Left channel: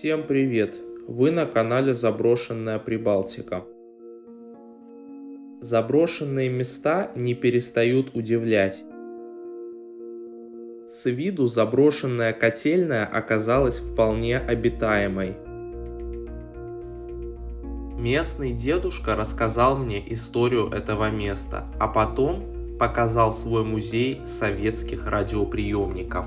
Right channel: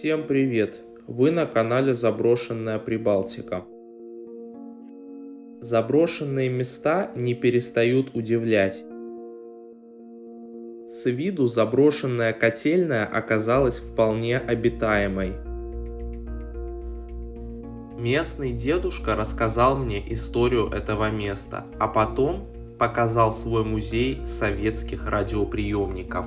Всем привет! Вы на канале Заброшенная Прибалтика. Заброшенные места не перестают удивлять. С виду заброшенная котельная оказалась вполне обитаемой. Местный дедушка рассказал мне историю этого места, а потом показал свой музей советских радиоприемников.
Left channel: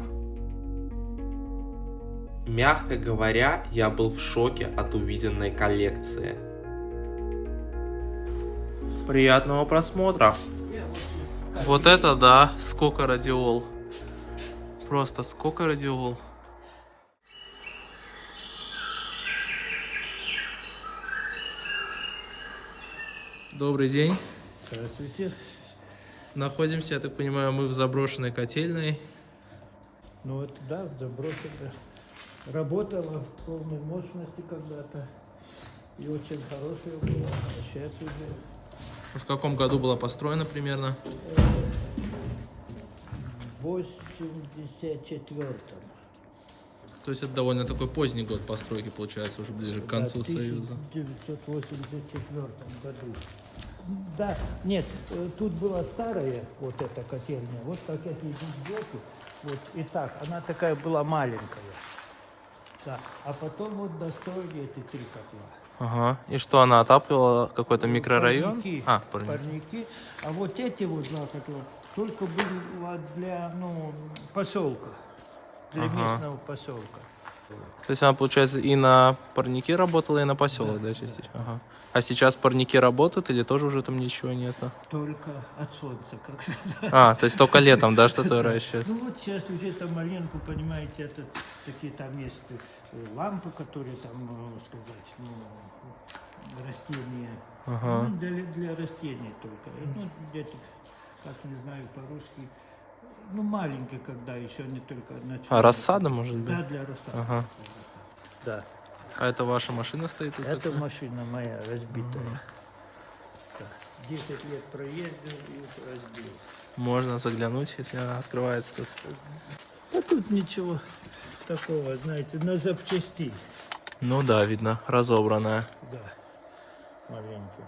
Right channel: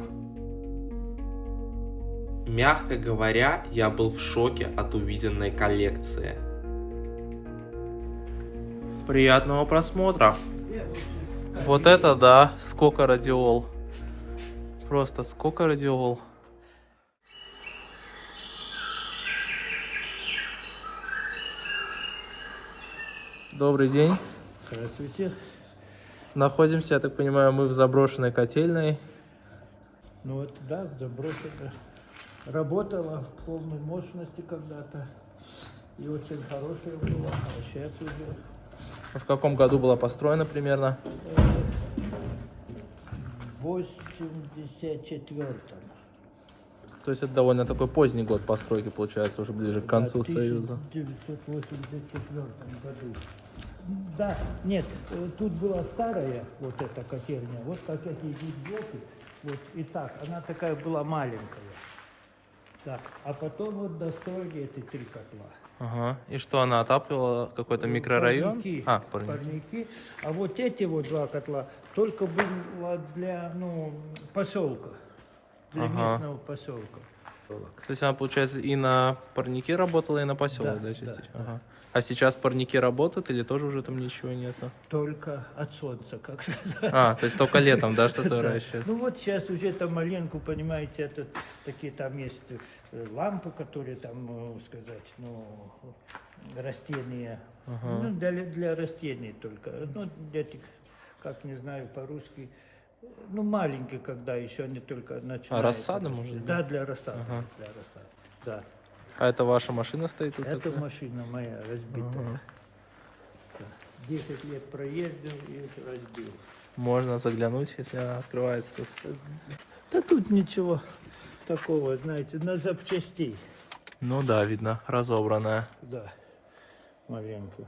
Мягко говоря, я был в шоке от увиденной коллекции. Приятного просмотра! Вот это да, сколько радиол. Просто сколько радиол. Добрый день. Здравствуйте. Находимся, я так понимаю, мы в заброшенной котельной. Ну вот, да, заброшена. Работала в полной мощности когда-то. И очень хорошая была. А сейчас уже... В каком году была построена примерно? В 84-м. То есть это довольно такой поздний год постройки, получается, уже ближе к концу Да, Союза. В 1984 году. Да, нет, тут была старая вот эта котельня. Вот как эти идут блоки. Вот и так, она такая была маленькая. Да. А потом вот достроили эти 3 котла. Ага. И что, она отапливала какой-то микрорайон? Парники. Парники. Парники. А вот эти вот 2 котла только было для, поселка. Для местного поселка. То есть она, получается, и на парнике работала, и на поселок, да, частично? Да. Ага. А сейчас парники работают или тоже уже там ничего нету? Только от солнца, как сказать. То есть только летом, да, что-то выращивают? Ну вот сейчас уже там маленько, понимаете, такие там есть лампы, которые там, растения. Ага. Ну, для растений только. Ну, этих, как не знаю по-русски, маленькие, когда еще они только начинают. Рассада, может быть? Да, для рассады. Ага. Для рассады. Да. А это ваша машина стоит тут Это такая? машина моя разбитая. Ага. Да. 10 лет проездил и разбил. Можно заглянуть, если она открывается тут. Да тут ничего такого, знаете, на запчасти. Ну да, видно, разобранная. Да, маленький.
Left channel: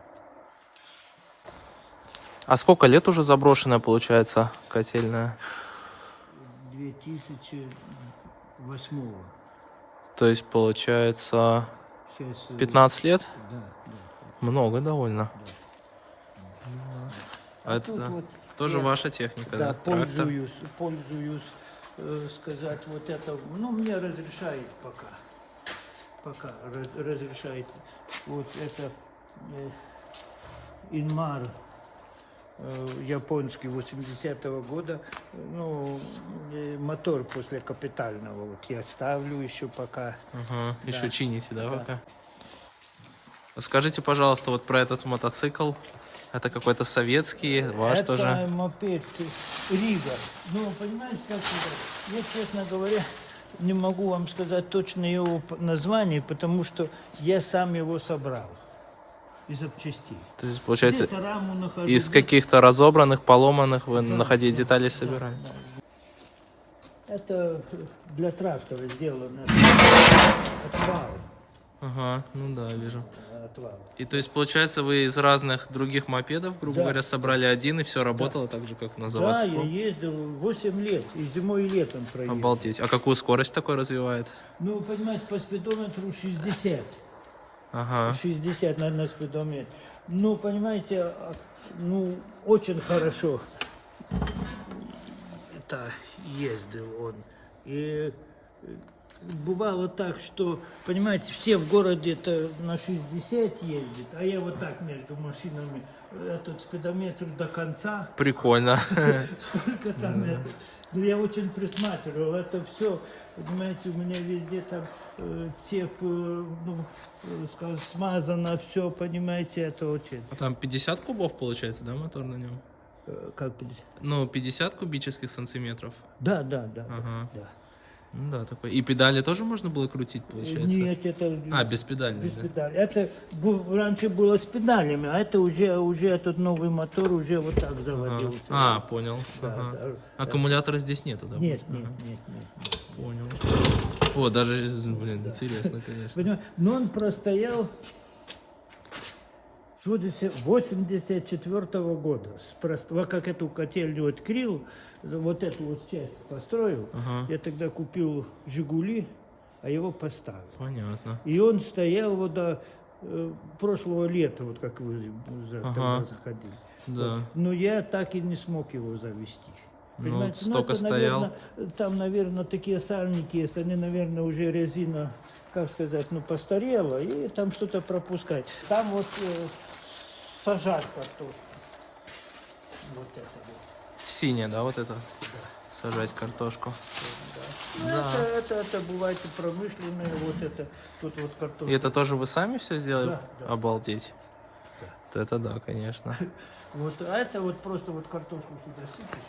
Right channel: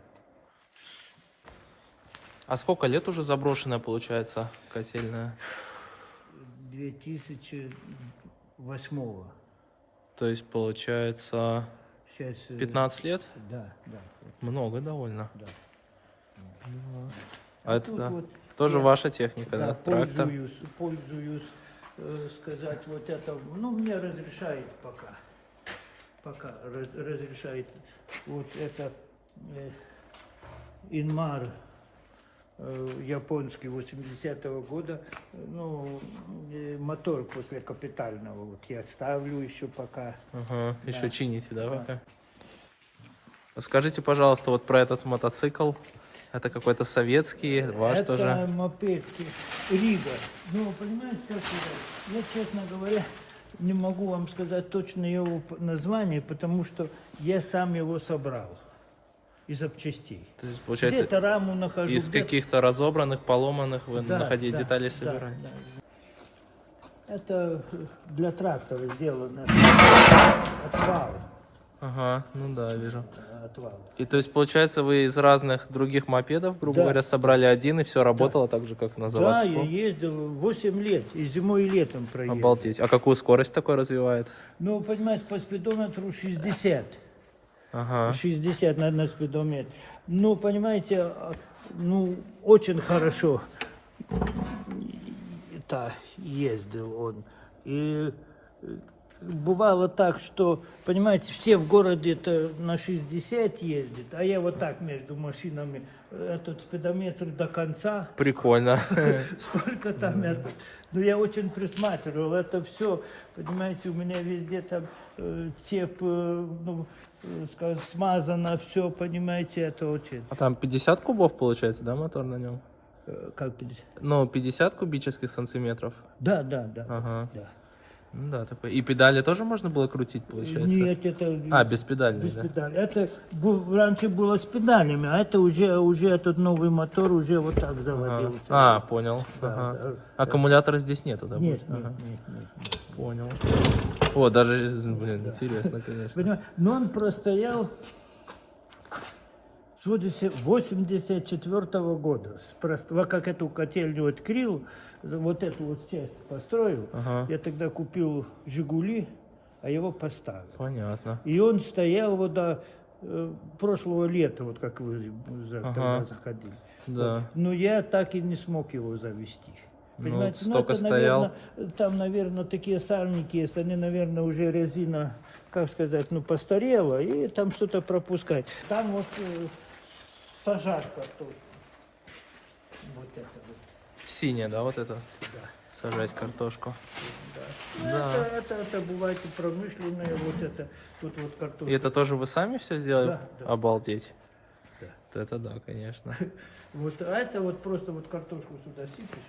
А сколько лет уже заброшенная, получается, котельная? 2008-го. То есть, получается, Сейчас, 15 лет? Да, да. Много довольно. Да. А это, тут да, вот тоже я, ваша техника, да? Трактор? Пользуюсь, сказать, вот это, мне разрешает пока разрешает. Вот это Инмар японский 80-го года, мотор после капитального, вот я ставлю еще пока. Ага, Да. еще чините, да, Да. пока? Скажите, пожалуйста, вот про этот мотоцикл. Это какой-то советский, ваш Это тоже? мопед Рига. Понимаете, как я, честно говоря, не могу вам сказать точно его название, потому что я сам его собрал из запчастей. То есть, получается, Где-то раму нахожу. из каких-то разобранных, поломанных вы Да, находили да, детали и да, собирали? да. Это для трактора сделано. Отвал. Ага, ну да, вижу. Отвал. И то есть, получается, вы из разных других мопедов, грубо Да. говоря, собрали один, и все работало так же, как на Да, заводском? я ездил 8 лет, и зимой, и летом проездил. Обалдеть. А какую скорость такой развивает? Понимаете, по спидометру 60. Ага. 60 на спидометр. Понимаете, очень хорошо ездил он. И бывало так, что, понимаете, все в городе-то на 60 ездят, а я вот так между машинами, этот спидометр до конца. Прикольно. Сколько там это? Я очень присматривал, это все, понимаете, у меня везде там цепь, скажем, смазано, все, понимаете, это очень. А там 50 кубов, получается, да, мотор на нем? Как? 50 кубических сантиметров? Да. Ага. Да. Ну да, такой. И педали тоже можно было крутить, получается? Нет, это... Беспедальный, без да? педали. Это раньше было с педалями, а это уже этот новый мотор уже вот так заводился. Понял. Да, Ага. да. Аккумулятора здесь нету, да? Нет, будет? нет, Ага. нет. Понял. О, даже, блин, интересно, конечно. Понимаешь? Но он простоял с 84 года. Как эту котельню открыл, вот эту вот часть построил, Ага. я тогда купил «Жигули», а его поставил. Понятно. И он стоял вот до прошлого лета, вот как вы тогда заходили. Да. Вот. Но я так и не смог его завести. Понимаете? Ну, столько стоял. Наверное, там, наверное, такие сальники есть, они, наверное, уже резина, как сказать, ну, постарела, и там что-то пропускает. Там вот сажать картошку. Вот это вот. Синяя, да, вот это? Да. Сажать картошку. Ну, Да. это бывает и промышленное, вот это, тут вот картошка. И это тоже вы сами все сделали? Да, да. Обалдеть. Да. Вот это да, конечно. Вот, а это вот просто вот картошку сюда сыпешь.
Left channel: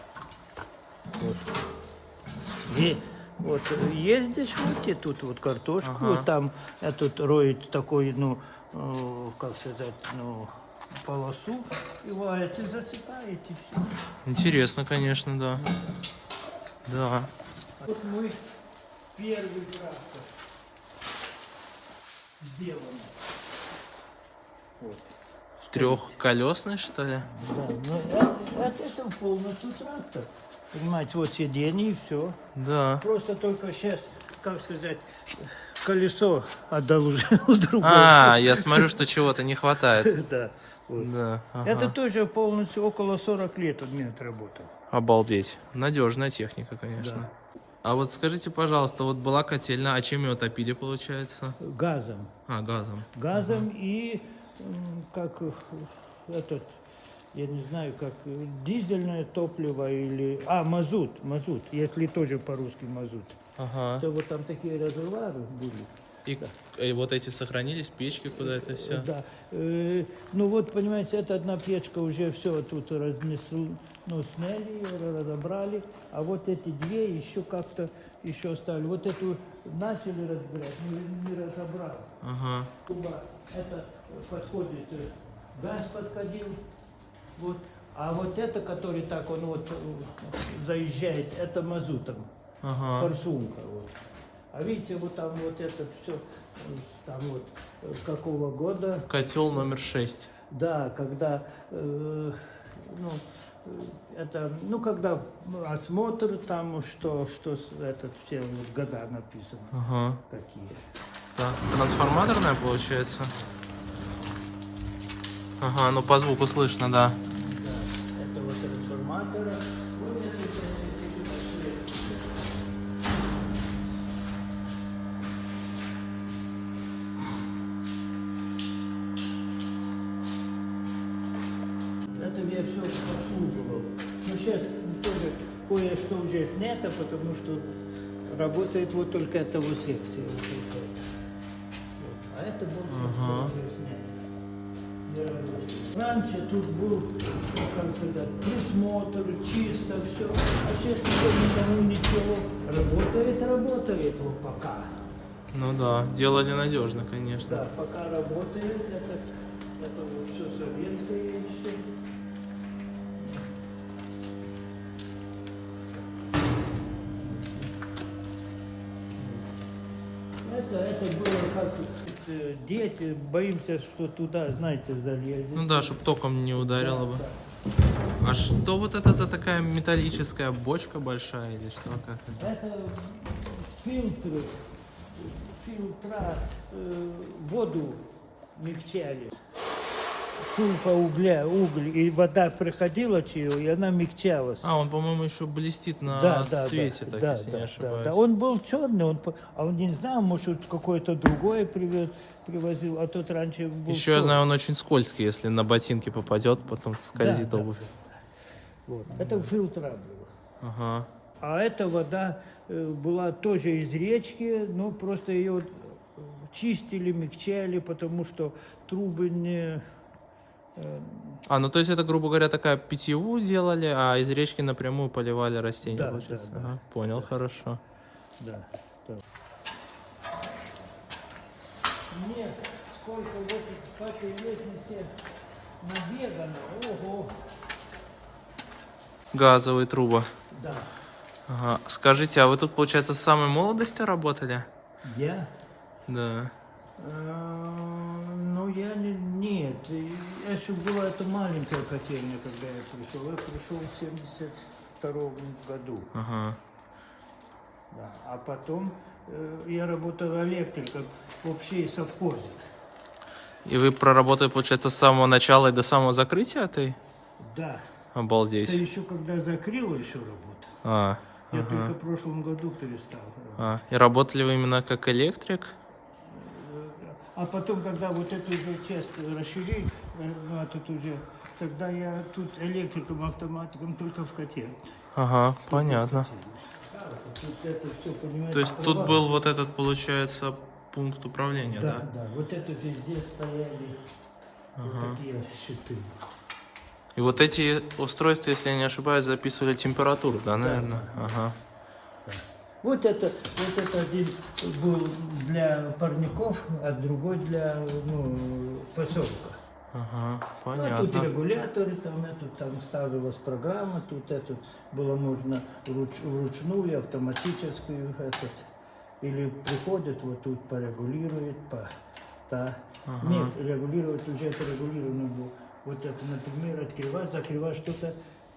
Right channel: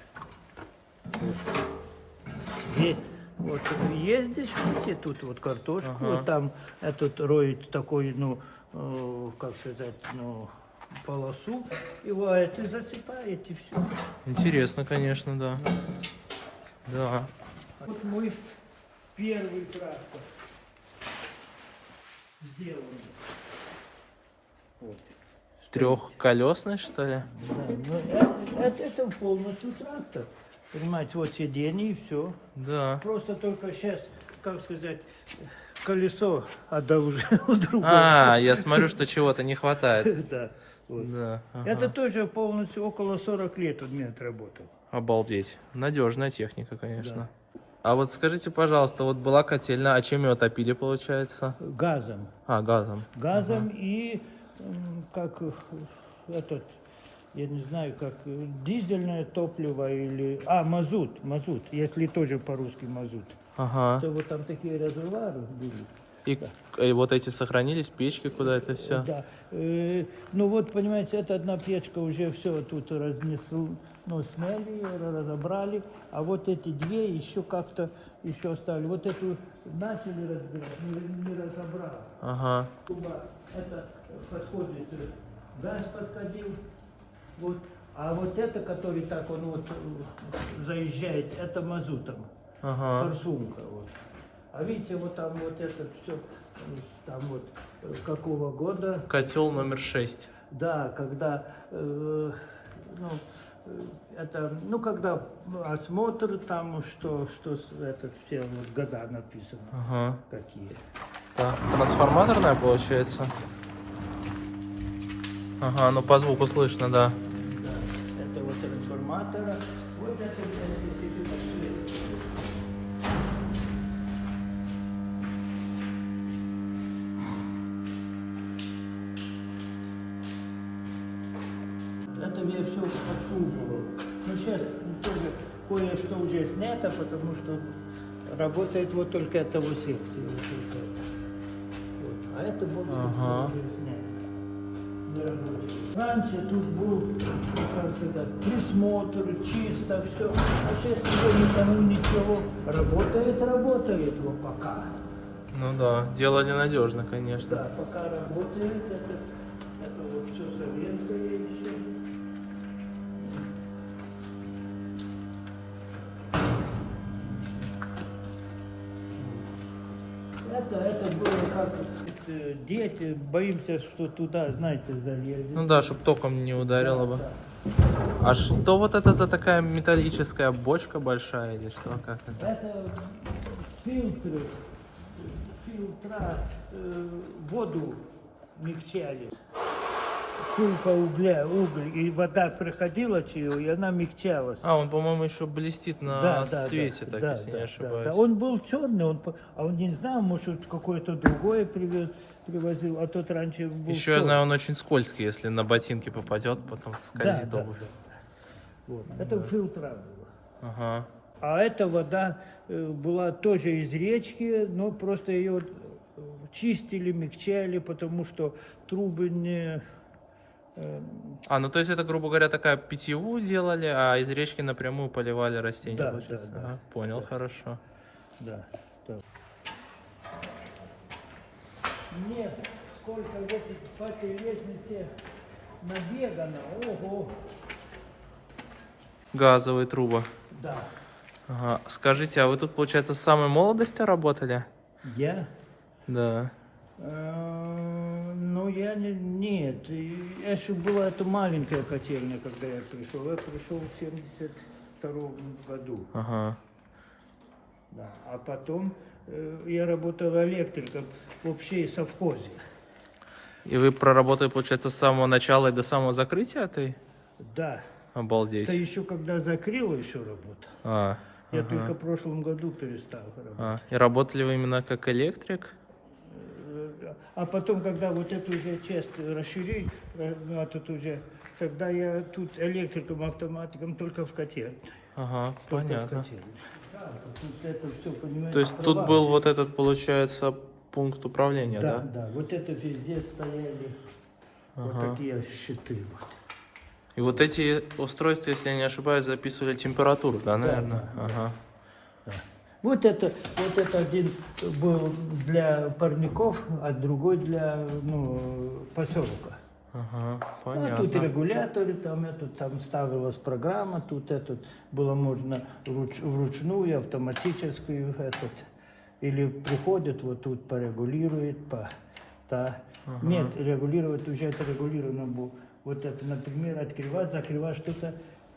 И вот есть дешевки, тут вот картошку, Ага. там этот роет такой, ну, как сказать, ну, полосу, и варит, и засыпает, и все. Интересно, конечно, да. Да. Вот мой первый трактор сделан. Вот. Трехколесный, что ли? Да, ну, это полностью трактор. Понимаете, вот сиденье и все. Да. Просто только сейчас, как сказать, колесо одолжил другое. А, я смотрю, что чего-то не хватает. Да. Вот. Да. Ага. Это тоже полностью около 40 лет у меня отработал. Обалдеть. Надежная техника, конечно. А вот скажите, пожалуйста, вот была котельная, а чем ее топили, получается? Газом. А, газом. Газом и как этот, я не знаю, как дизельное топливо или... мазут, если тоже по-русски мазут. Ага. То вот там такие резервуары были. И вот эти сохранились, печки, куда это все? Да. Ну вот, понимаете, эта одна печка уже все тут разнесли, ну, сняли ее, разобрали, а вот эти две еще как-то еще оставили. Вот эту начали разбирать, не разобрали. Ага. Это подходит, газ подходил, вот, а вот это, который так он вот заезжает, это мазутом, Ага. форсунка. Вот. А видите, вот там вот это все, там вот какого года? Котел номер 6. Да, когда, это, ну, когда осмотр там, что это все вот года написано, Ага. какие. Так, трансформаторная получается? Ага, ну по звуку слышно, да. Это вот трансформатора, вот это это я все обслуживал. Ну, сейчас тоже кое-что уже снято, потому что работает вот только эта вот секция. Вот. А это вот Ага. уже снято. Не рабочий. Раньше тут был, как сказать, присмотр, чисто, все. А сейчас уже никому ничего. Работает вот пока. Ну да, делали надежно, конечно. Да, пока работает, это вот все советское еще. Это было как дети, боимся, что туда, знаете, залезет. Ну да, чтобы током не ударило бы. Да. А что вот это за такая металлическая бочка большая или что? Как это? Это фильтра, воду мягчали. Сульфа уголь, и вода приходила через, и она мягчалась. А, он, по-моему, еще блестит на свете, так, если не ошибаюсь. Да. Он был черный, он не знал, может, какой-то другой привозил, а тот раньше был Еще я знаю, он очень скользкий, если на ботинки попадет, потом скользит обувь. Вот. Это фильтра было. Ага. А эта вода была тоже из речки, но просто ее чистили, мягчали, потому что трубы не... А, ну то есть это, грубо говоря, такая питьевую делали, а из речки напрямую поливали растения? Да, получается? да. Ага, понял, хорошо. Да. Нет, сколько вот по этой лестнице набегано, ого. Газовые трубы. Да. Ага. Скажите, а вы тут, получается, с самой молодости работали? Я? Да. Ну, я нет. Еще была эта маленькая котельня, когда я пришел. Я пришел в 72 году. Ага. Да. А потом я работал электриком в общей совхозе. И вы проработали, получается, с самого начала и до самого закрытия этой? Да. Обалдеть. Это еще когда закрыла еще работа. А, Я ага. только в прошлом году перестал работать. И работали вы именно как электрик? А потом, когда вот эту уже часть расширили, ну, а тут уже, тогда я тут электриком, автоматиком только в котельне. Ага, Только в понятно. котельне. Да, тут это все, понимаете, То есть тут права. был вот этот, получается, пункт управления, Да, да? да, вот это везде стояли вот такие щиты. И вот эти устройства, если я не ошибаюсь, записывали температуру, да, наверное? Ага. Вот это один был для парников, а другой для поселка. Ага, А тут понятно. регуляторы, там ставилась программа, тут было можно вручную, автоматическую, или приходят, вот тут порегулирует, Нет, регулировать уже это регулировано было. Вот это, например, открывать, закрывать что-то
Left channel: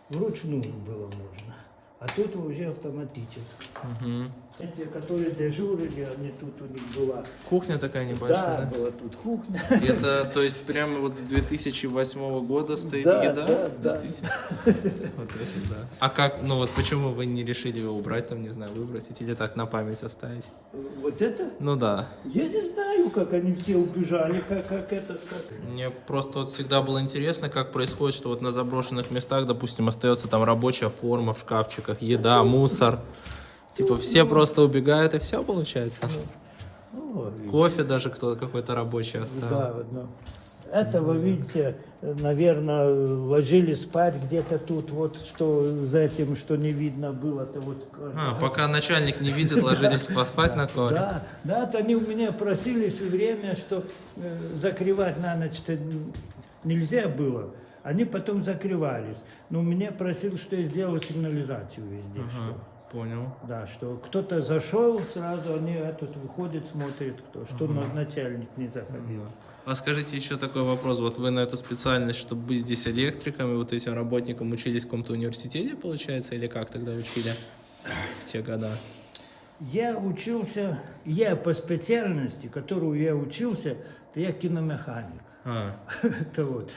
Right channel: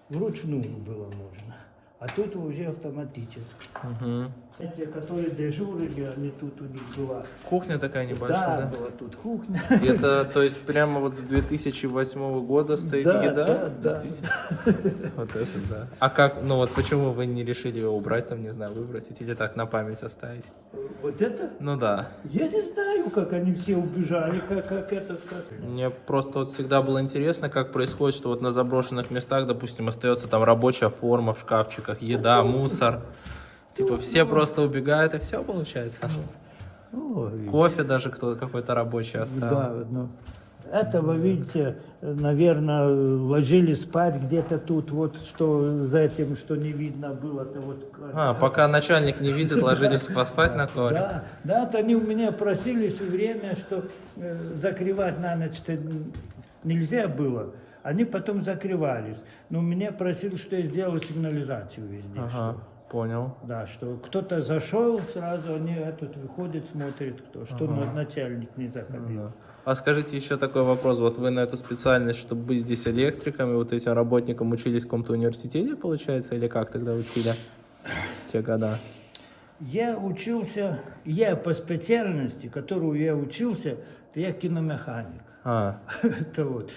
вручную было можно. А тут уже автоматически. Угу. Эти, которые дежурили, они тут у них была. Кухня такая небольшая, Да, да? была тут кухня. И это, то есть, прямо вот с 2008 года стоит Да, еда? да, да. Действительно? Вот это да. А как, ну вот почему вы не решили его убрать, там, не знаю, выбросить или так на память оставить? Вот это? Ну да. Я не знаю, как они все убежали, как. Мне просто вот всегда было интересно, как происходит, что вот на заброшенных местах, допустим, остается там рабочая форма в шкафчиках, еда, мусор. Типа все просто убегают и все получается. Ну, Кофе даже кто какой-то рабочий оставил. да, ну, это вы видите, наверное, ложились спать где-то тут, вот что за этим, что не видно было-то вот. Пока начальник не видит, ложились поспать на ковре. Да, то они у меня просили все время, что закрывать на ночь-то нельзя было. Они потом закрывались. Но меня просил, что я сделал сигнализацию везде. Ага, Что, понял. да, что кто-то зашел, сразу они тут выходят, смотрят, что начальник не заходил. Да. А скажите еще такой вопрос. Вот вы на эту специальность, чтобы быть здесь электриком и вот этим работником, учились в каком-то университете, получается, или как тогда учили в те года? Я по специальности, которую я учился, то я киномеханик. Это вот.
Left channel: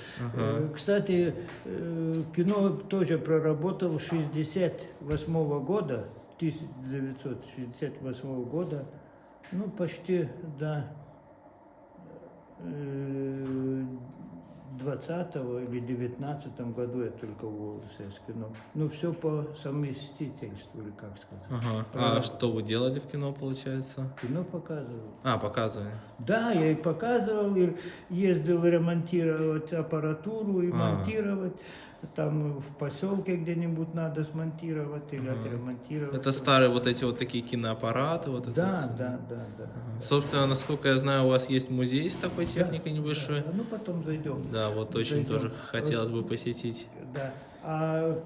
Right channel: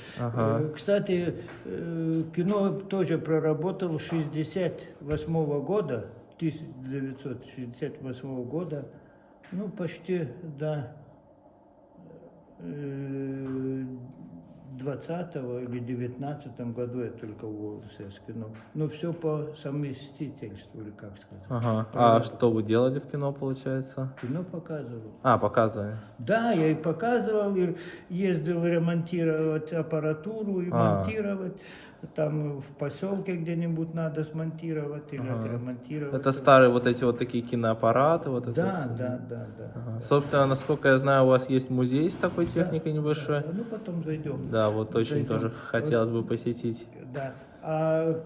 Кстати, кино тоже проработал с 1968 года, 1968 года, ну почти до 20-го или 19-м году я только уволился с кино. Но все по совместительству, или как сказать. А что вы делали в кино, получается? Кино показывал. Показывали. Да, я и показывал, и ездил ремонтировать аппаратуру и монтировать. Там в поселке где-нибудь надо смонтировать или отремонтировать. Это старые вот эти вот такие киноаппараты? Вот Да. Собственно, насколько я знаю, у вас есть музей с такой техникой небольшой. Да. Ну потом зайдем. Да, вот очень Зайдем. тоже хотелось бы посетить. Да. А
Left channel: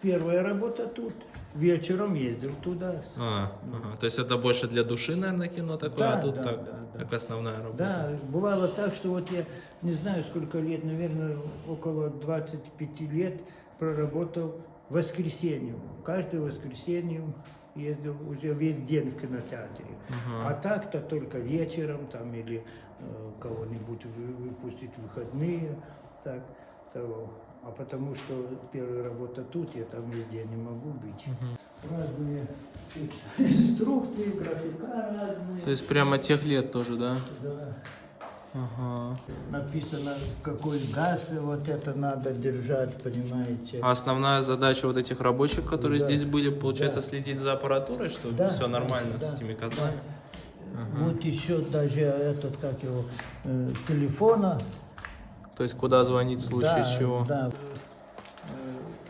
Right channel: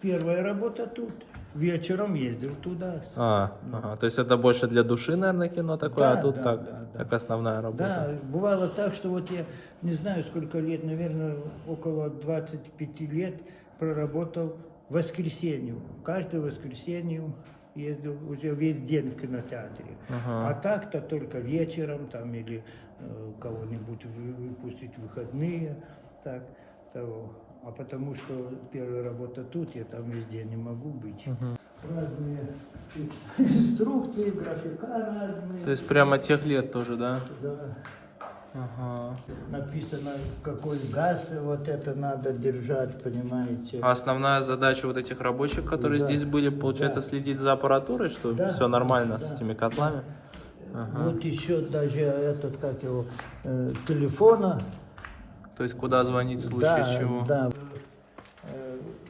первая работа тут. Вечером ездил туда. То есть это больше для души, наверное, кино такое, Да, а тут да. как основная работа. Да, бывало так, что вот я не знаю сколько лет, наверное, около 25 лет проработал в воскресенье. Каждое воскресенье ездил уже весь день в кинотеатре. А так-то только вечером там или кого-нибудь выпустить в выходные. Так, того. А потому что первая работа тут, я там везде не могу быть. Разные инструкции, графика разные. То есть прямо тех лет тоже, да? Да. Написано, какой газ вот это надо держать, понимаете. А основная задача вот этих рабочих, которые здесь были, получается, следить за аппаратурой, что все нормально с этими котлами? Вот еще даже телефона. То есть куда звонить в случае чего? Да.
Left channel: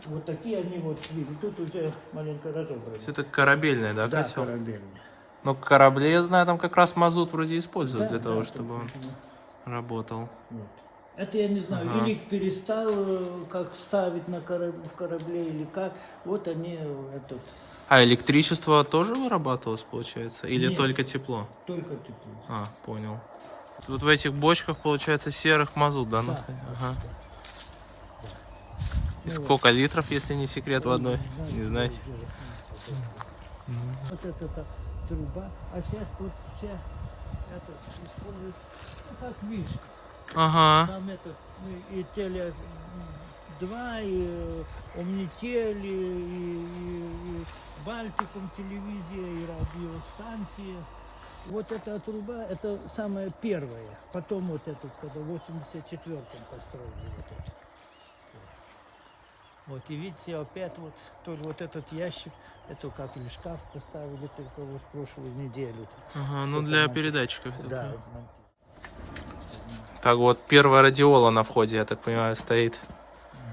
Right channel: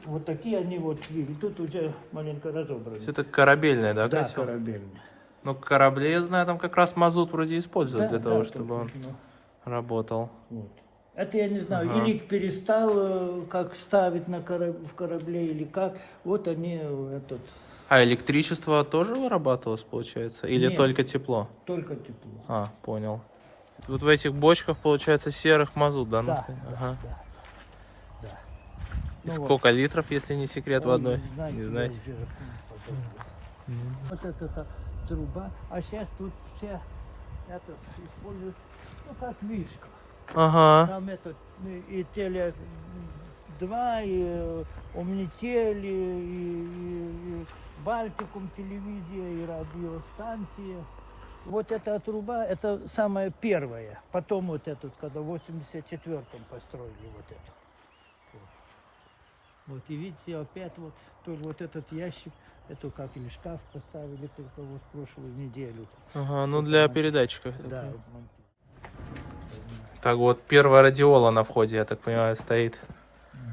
Вот такие они вот, тут уже маленько разобраны. Все это корабельное, да, котел? Корабельные. Но корабли, я знаю, там как раз мазут вроде используют для того, чтобы он работал. Вот. Это я не знаю, или их перестал как ставить в корабле, или как. Вот они А электричество тоже вырабатывалось, получается? Или Нет. только тепло? Только тепло. А, понял. Вот в этих бочках, получается, серых мазут, да? Да, находится? Ага. да. И Ну сколько литров, если не секрет, в Ой, одной? знаете, Не я знаете? уже вот эта труба, а сейчас тут все этот используют, ну как вишка. Ага. Там этот, ну, и теле 2, и Omnitel, и Балтикум телевизия, и радиостанция. Вот эта труба, это самая первая. Потом вот этот, когда в 84-м построили вот это. Вот, и видите, опять вот, тоже вот этот ящик, это как ли шкаф поставили только вот в прошлую неделю. Ага, ну Это для монти- передатчиков. я так Да, понимаю. монти- Так вот, первая радиола на входе, я так понимаю, стоит.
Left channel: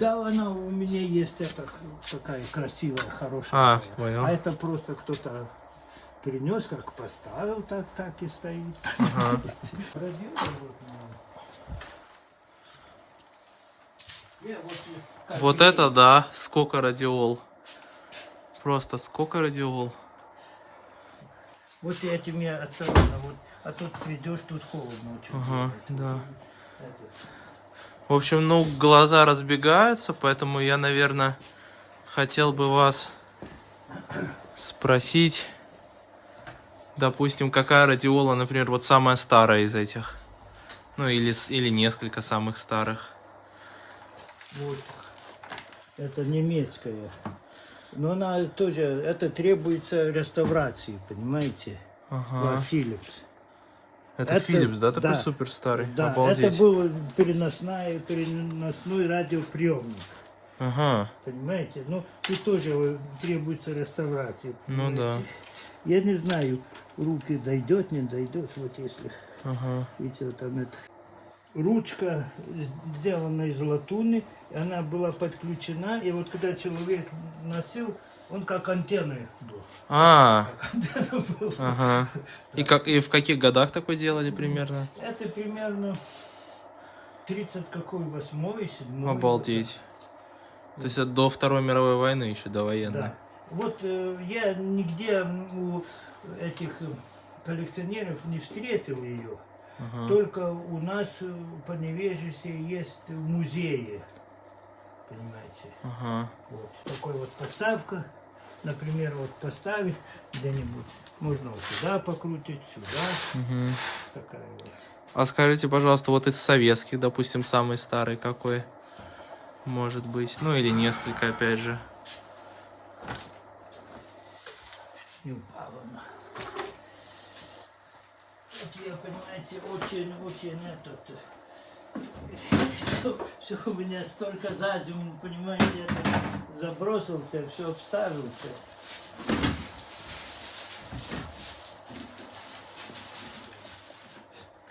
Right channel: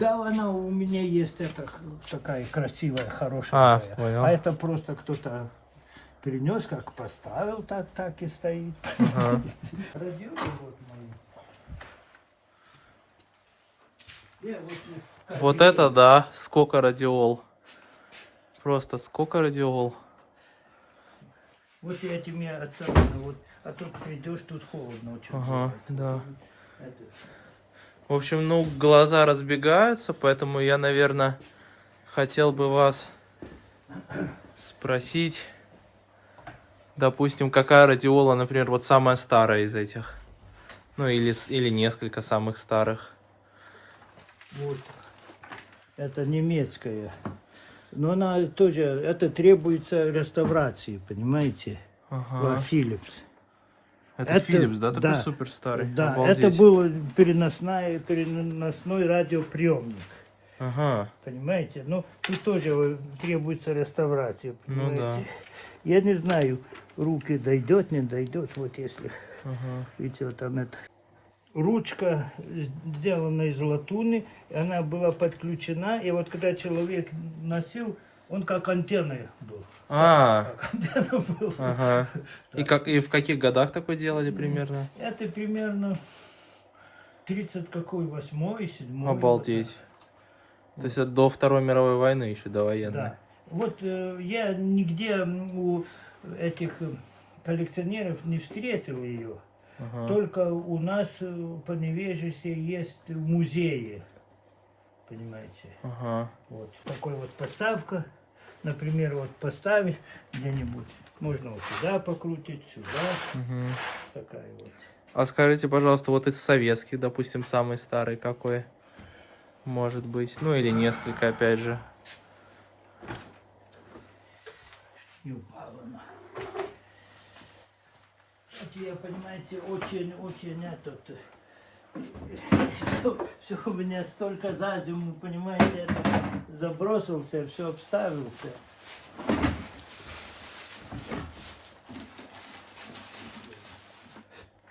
Да, она у меня есть, это такая красивая, хорошая. А, понял. А это просто кто-то перенес, как поставил, так и стоит. Ага. Радио вот мои. Вот это да, сколько радиол. Просто сколько радиол. Вот этим я особенно, вот, а тут придешь, тут холодно очень. Ага, бывает. да. В общем, ну, глаза разбегаются, поэтому я, наверное, хотел бы вас спросить, допустим, какая радиола, например, вот самая старая из этих? Ну, или несколько самых старых. Вот. Это немецкая. Но она тоже, это требуется реставрации, понимаете? Ага. Philips. Это Это- Philips, да, такой да, супер старый? Да, Обалдеть. это был переносной радиоприемник. Ага. Понимаете? Ну, тут тоже требуется реставрация. Ну да. Понимаете? Я не знаю, руки дойдет, не дойдет. Вот если, Ага. видите, вот там это. Ручка сделана из латуни, и она была подключена, и вот когда человек носил, он как антенна был. А, Как антенна была. ага. И в каких годах такое делали примерно? Это примерно 30 какой, 8-й, 7-й. Обалдеть. То есть это до Второй мировой войны еще, до военной. Да. Вот я нигде у этих коллекционеров не встретил ее. Ага. Только у нас по Невежесе есть в музее. Понимаете? Ага. Вот такой вот поставка. Например, вот поставить где-нибудь. Можно вот сюда покрутить, сюда. Мгм. Такая вот. А скажите, пожалуйста, вот из советских, допустим, самый старый какой может быть? Ну или несколько, опять же. Не упала она. Вот я, понимаете, очень этот... Все у меня столько за зиму, понимаете, я забросился, все обставился.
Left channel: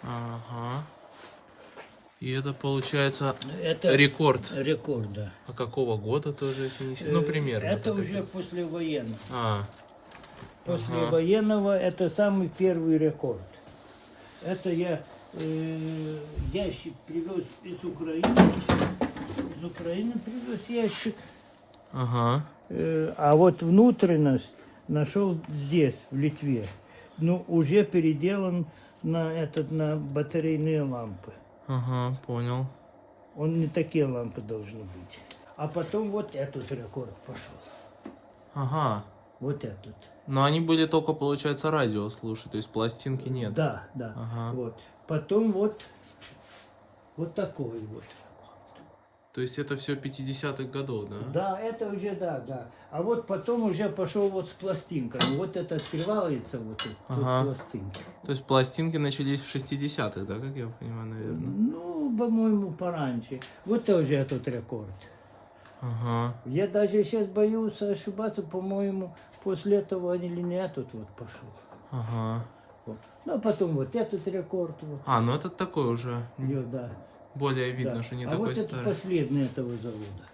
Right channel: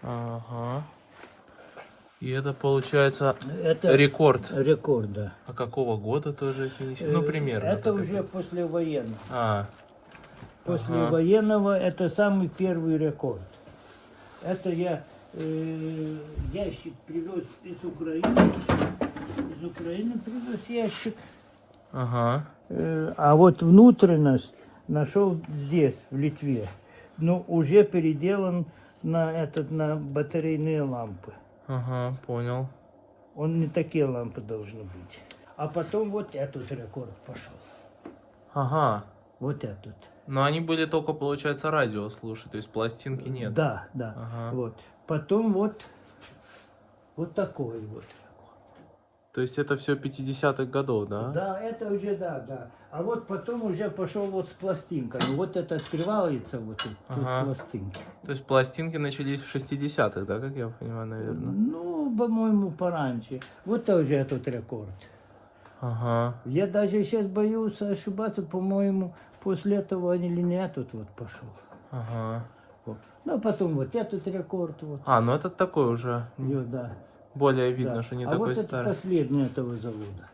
Ага. И это получается Это рекорд. рекорд, да. А какого года тоже, если не считать? Ну, примерно. Это так уже это. послевоенный. А, После Ага. военного это самый первый рекорд. Это я ящик привез из Украины. Из Украины привез ящик. ага. А вот внутренность нашел здесь, в Литве. Но уже переделан на батарейные лампы. Ага, понял. Он не такие лампы должны быть. А потом вот этот рекорд пошел. Ага. Вот этот. Но они были только, получается, радио слушать, то есть пластинки нет. Да, да. Ага. Вот. Потом вот такой вот. То есть это все 50-х годов, да? Да, это уже да. А вот потом уже пошел вот с пластинками. Вот это открывается, вот тут Ага. пластинка. То есть пластинки начались в 60-х, да, как я понимаю, наверное? Ну, по-моему, пораньше. Вот тоже этот рекорд. Ага. Я даже сейчас боюсь ошибаться, по-моему, после этого или не этот вот пошел. Ага. Вот. Ну, а потом вот этот рекорд. Вот. А, ну это такой уже. Да. Более видно, Да. что не а такой вот это старый. последний этого завода.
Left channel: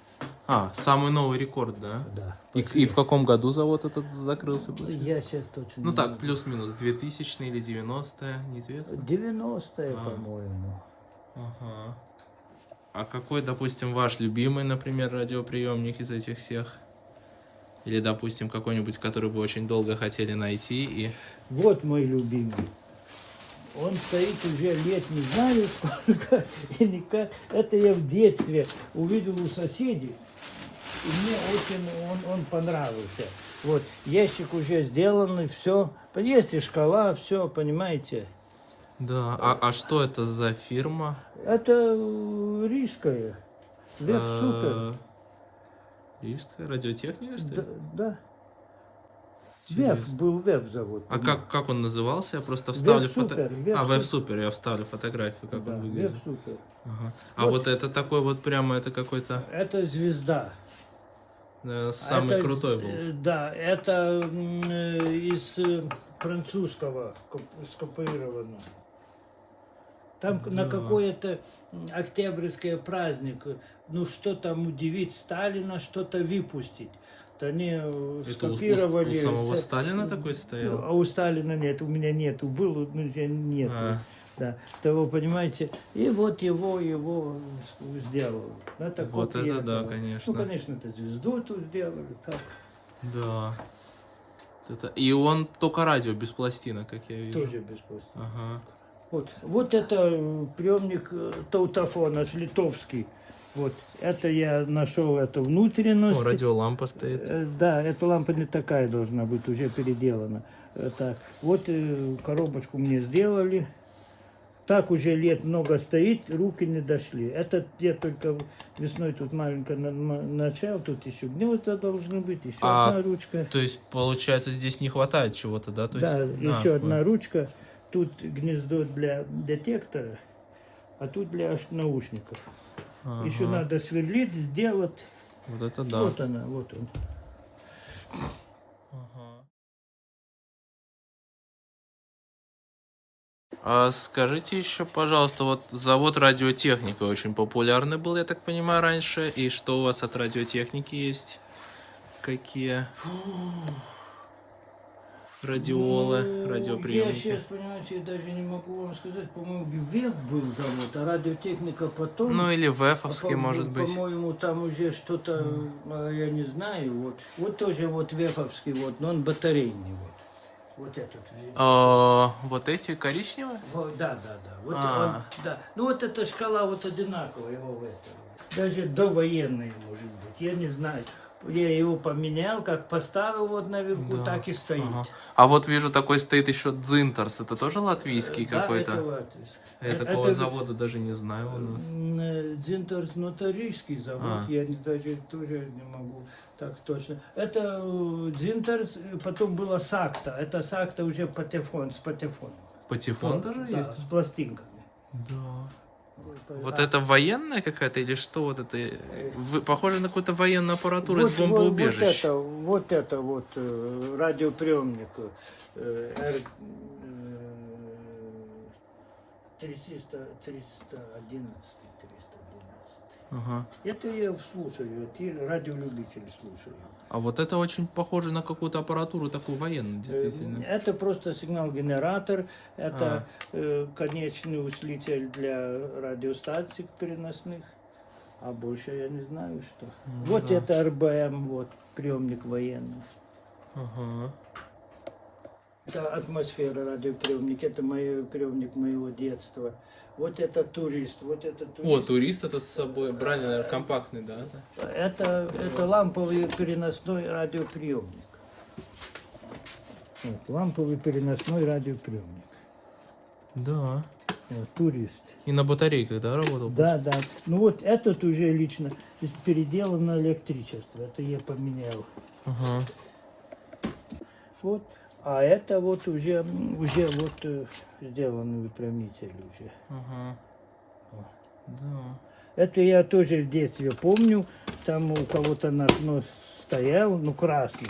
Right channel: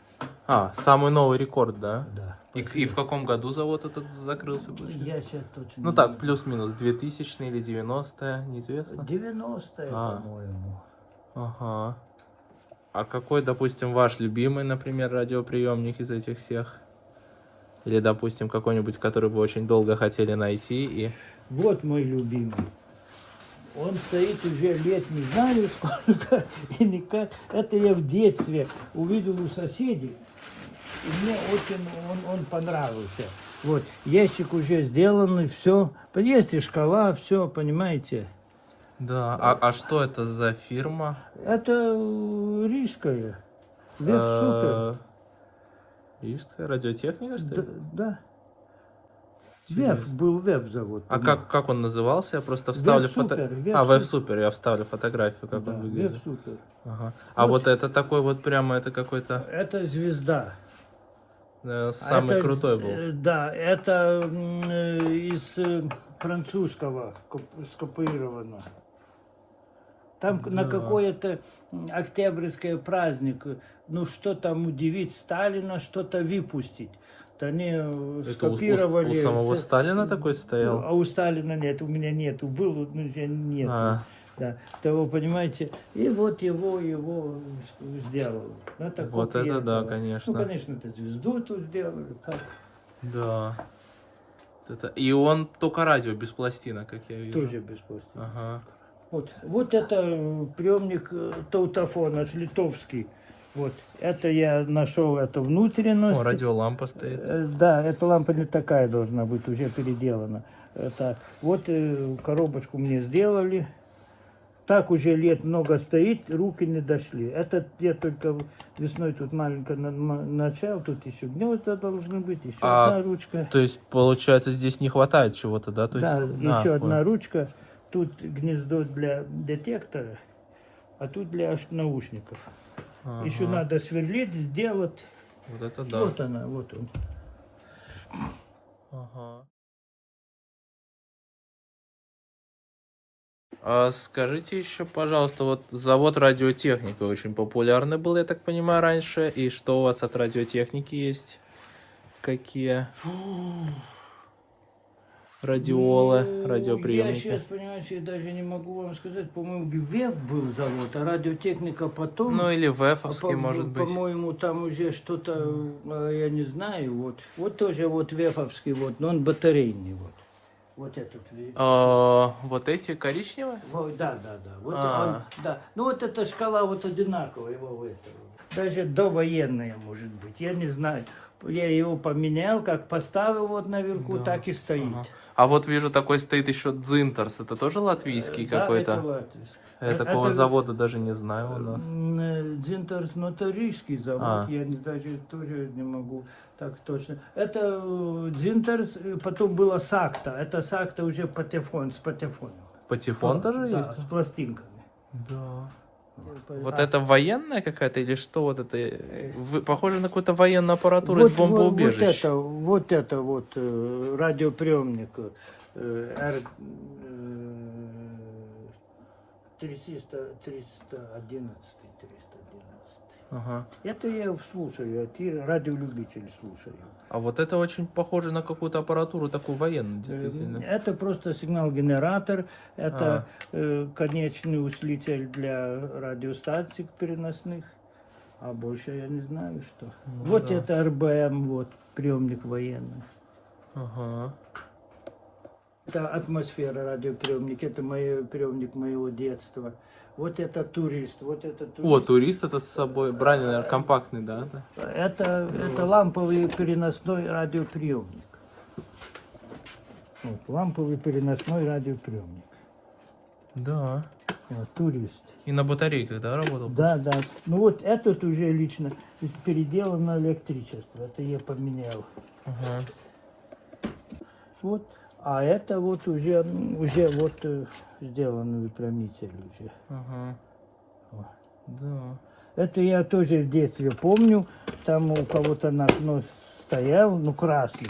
А, самый новый рекорд, да? Да. И в каком году завод этот закрылся? получается? Я сейчас точно Ну не так, знаю. плюс-минус, 2000 или 90-е, неизвестно. 90-е, А. по-моему. Ага. А какой, допустим, ваш любимый, например, радиоприемник из этих всех? Или, допустим, какой-нибудь, который вы очень долго хотели найти и... Вот мой любимый. Он стоит уже лет не знаю сколько, и никак. Это я в детстве увидел у соседей, и мне очень он понравился. Вот, ящик уже сделанный, все. Есть и шкала, все, понимаете. Да, а что это за фирма? Это рижская. Веб-супер. Рижская радиотехника, что ли? Да. Веб, Интересно. был веб завод. А как он назывался? Я просто вставлю фотографию. А, веб-супер, я вставлю фотографию, как он выглядит. Веб-супер. Ага. А вот это такой вот прямо, это какой-то Это звезда. самый Это, крутой был. Да, это из французского скопировано. Там на Да. какое-то октябрьское праздник, ну что там удивить Сталина, что-то выпустить. То они Это у скопировали. самого всё. Сталина такой Ну, стоял? а у Сталина нет, у меня нету, был, но уже нету. А. Да, того, понимаете, и вот его сделали. Это Вот копия это да, этого. конечно. Ну, конечно, это звезду тут сделали, так, Да. Это... И он только радио, без пластинок, как я вижу. тоже без пластинок. Ага. Вот это приемник таутофона, литовский. Вот, это я нашел, это внутренность. О, радиолампа стоит. Да, эта лампа не такая должна быть, уже переделана. Так, вот коробочку мне сделали. Так уже лет много стоит, руки не дошли. Это я только весной тут маленько начал, тут еще гнезда должны быть, еще одна ручка. То есть, получается, здесь не хватает чего-то, да? То Да, есть... еще одна понял. ручка. Тут гнездо для детектора, а тут для наушников. Ага. Еще надо сверлить, сделать. Вот это да. Вот она, вот он. Ага. А скажите еще, пожалуйста, вот завод радиотехника очень популярный был, я так понимаю, раньше. И что у вас от радиотехники есть? Какие радиолы, Ну, я радиоприемники? сейчас, понимаете, я даже не могу вам сказать. По-моему, ВЭФ был завод, а радиотехника потом. Ну или ВЭФовский, может быть. По-моему, там уже что-то, я не знаю. Вот тоже вот ВЭФовский, вот, но он батарейный. Вот этот. Вот эти коричневые? Да. Вот А. да. Ну вот эта шкала вот одинаковая его в этом. Даже довоенная может быть, я не знаю. Я его поменял, как поставил вот наверху, Да. так и стоит. Ага. А вот вижу, такой стоит еще Дзинтерс. Это тоже латвийский Да, какой-то? это латвийский. Я такого завода даже не знаю у нас. Дзинтерс, но это рижский завод, я даже тоже не могу так точно. Это Дзинтерс, потом было Сакта. Это Сакта уже патефон, с патефоном. Патефон тоже Да, есть? с пластинками. Да. Вот это военная какая-то или что вот это? Похоже на какую-то военную аппаратуру из бомбоубежищ. Вот это радиоприемник. 311. Ага. Это я слушаю, это радиолюбитель слушаю. А вот это очень похоже на какую-то аппаратуру такую военную, действительно. Это просто сигнал-генератор, это конечный усилитель для радиостанций переносных, а больше я не знаю что. Ну, вот да. это РБМ, вот приемник военный. Ага. Это атмосфера радиоприемник, это приемник моего детства. Вот это турист, вот это турист. О, турист это с собой брали компактный, да? Это ламповый переносной радиоприемник. Вот, ламповый переносной радиоприемник. Да. Вот, турист. И на батарейках, да, работал? Да. Ну вот этот уже лично переделан на электричество. Это я поменял. Ага. Вот. А это вот уже вот сделан выпрямитель уже. Ага. Да. Это я тоже в детстве помню. Там у кого-то на окно стоял, ну красный.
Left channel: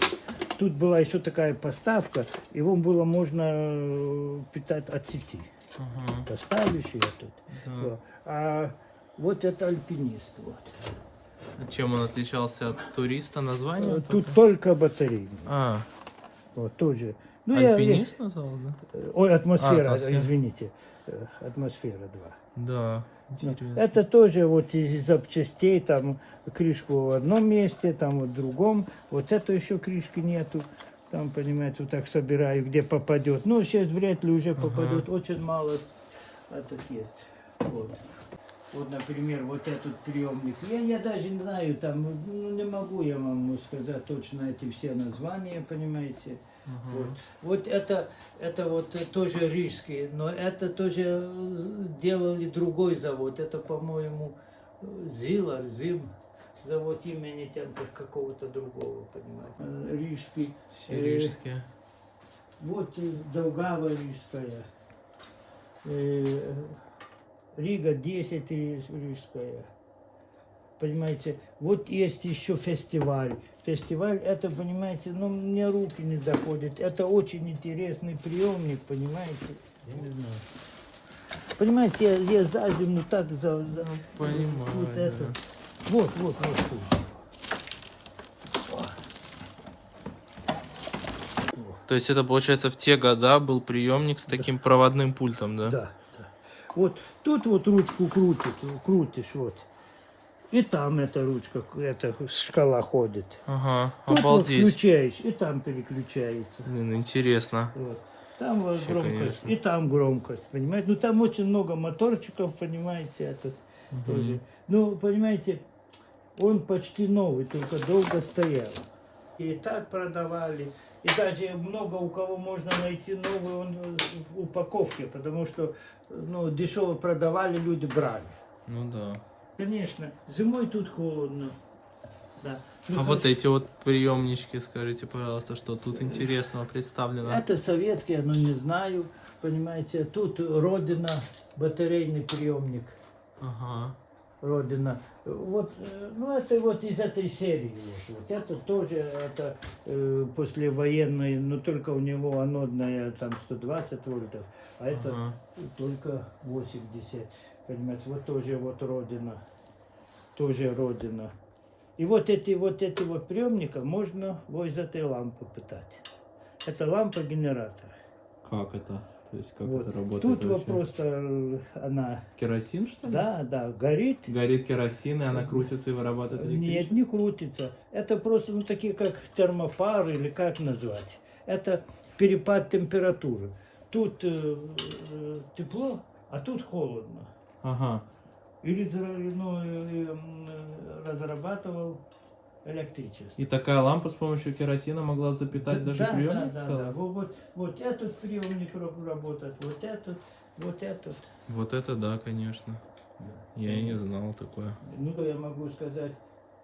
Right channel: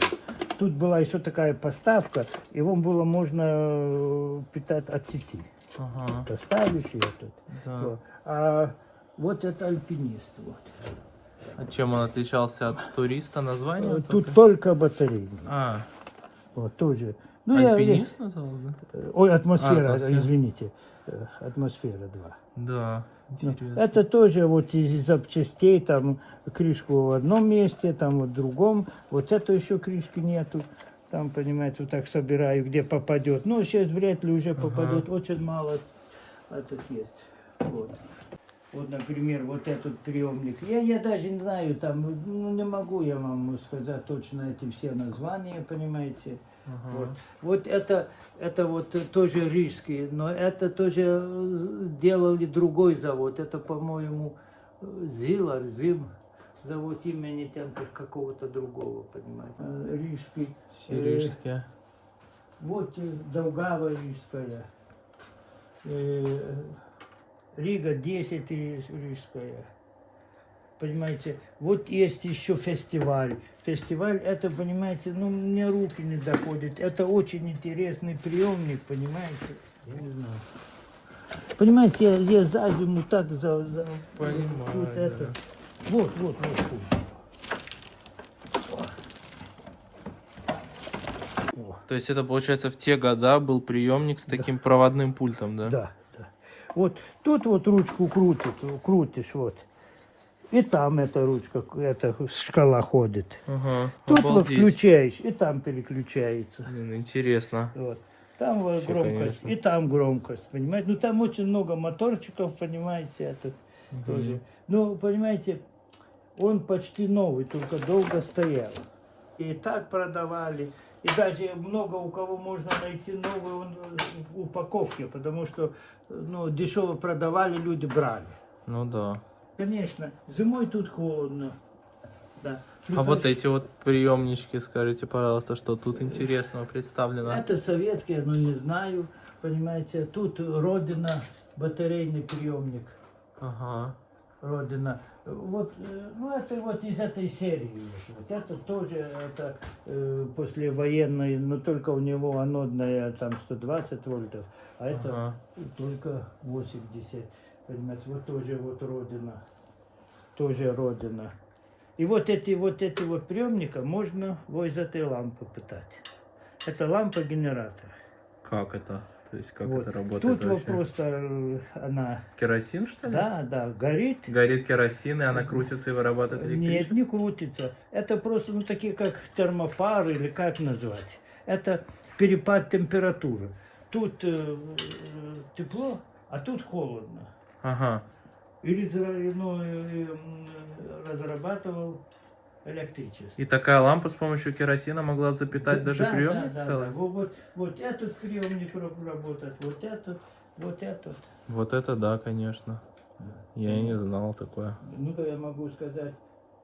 Тут была еще такая поставка, его было можно питать от сети. Ага. Поставишь ее тут. Да. Вот. А вот это альпинист. Вот. А чем он отличался от туриста названием? Тут только батарейный. А, Вот тоже Ну, Альпинист назвал, да? Ой, атмосфера, атмосфера. извините. Атмосфера 2. Да, интересно. Это тоже вот из запчастей, там крышку в одном месте, там в другом. Вот это еще крышки нету. Там, понимаете, вот так собираю, где попадет. Ну, сейчас вряд ли уже попадет. Очень мало этот есть. Вот. Вот, например, вот этот приемник. Я даже не знаю, там, ну, не могу я вам сказать точно эти все названия, понимаете. Вот это вот тоже рижский, но это тоже делали другой завод. Это, по-моему, Зим, завод имени там какого-то другого, понимаете. Рижский. Все рижские. Вот Даугава рижская. Рига 10 рижская. Понимаете, вот есть еще фестиваль. Фестиваль, это, понимаете, ну, мне руки не доходят. Это очень интересный приемник, понимаете. Я не знаю. Понимаете, я за зиму так Понимаю, вот да. это. Вот. То есть это, получается, в те года был приемник с таким проводным пультом, да? Да. Вот тут вот ручку крутишь, вот. И там эта ручка, эта шкала ходит. Ага, Тут вот обалдеть. включаешь, и там переключается. Блин, интересно. Вот. Там вот Вообще, громкость, конечно. и там громкость, понимаете. Ну, там очень много моторчиков, понимаете, этот тоже. Ну, понимаете, он почти новый, только долго стоял. И так продавали. И даже много у кого можно найти новый он в упаковке, потому что ну, дешево продавали, люди брали. Ну да. Конечно, зимой тут холодно. Да. Ну, А вот эти вот приемнички, скажите, пожалуйста, что тут интересного представлено? это советские, но не знаю, понимаете. Тут Родина, батарейный приемник. Ага. Родина. Вот, ну это вот из этой серии. Вот. Это тоже это, послевоенный, но только у него анодная там 120 вольтов, а это только 80. Понимаете, вот тоже вот Родина. Тоже Родина. И вот эти вот приемника можно вот из этой лампы питать. Это лампа-генератор. Как это? То есть как Вот. это работает Тут вот вообще? просто она... Керосин, что ли? Да, горит. Горит керосин, и она крутится и вырабатывает электричество? Нет, не крутится. Это просто ну, такие как термопары или как назвать. Это перепад температуры. Тут тепло, а тут холодно. Ага. Или разрабатывал электричество. И такая лампа с помощью керосина могла запитать даже приемник целый? Вот этот приемник работает, вот этот. Вот это да, конечно. Я и не знал такое. Ну, я могу сказать,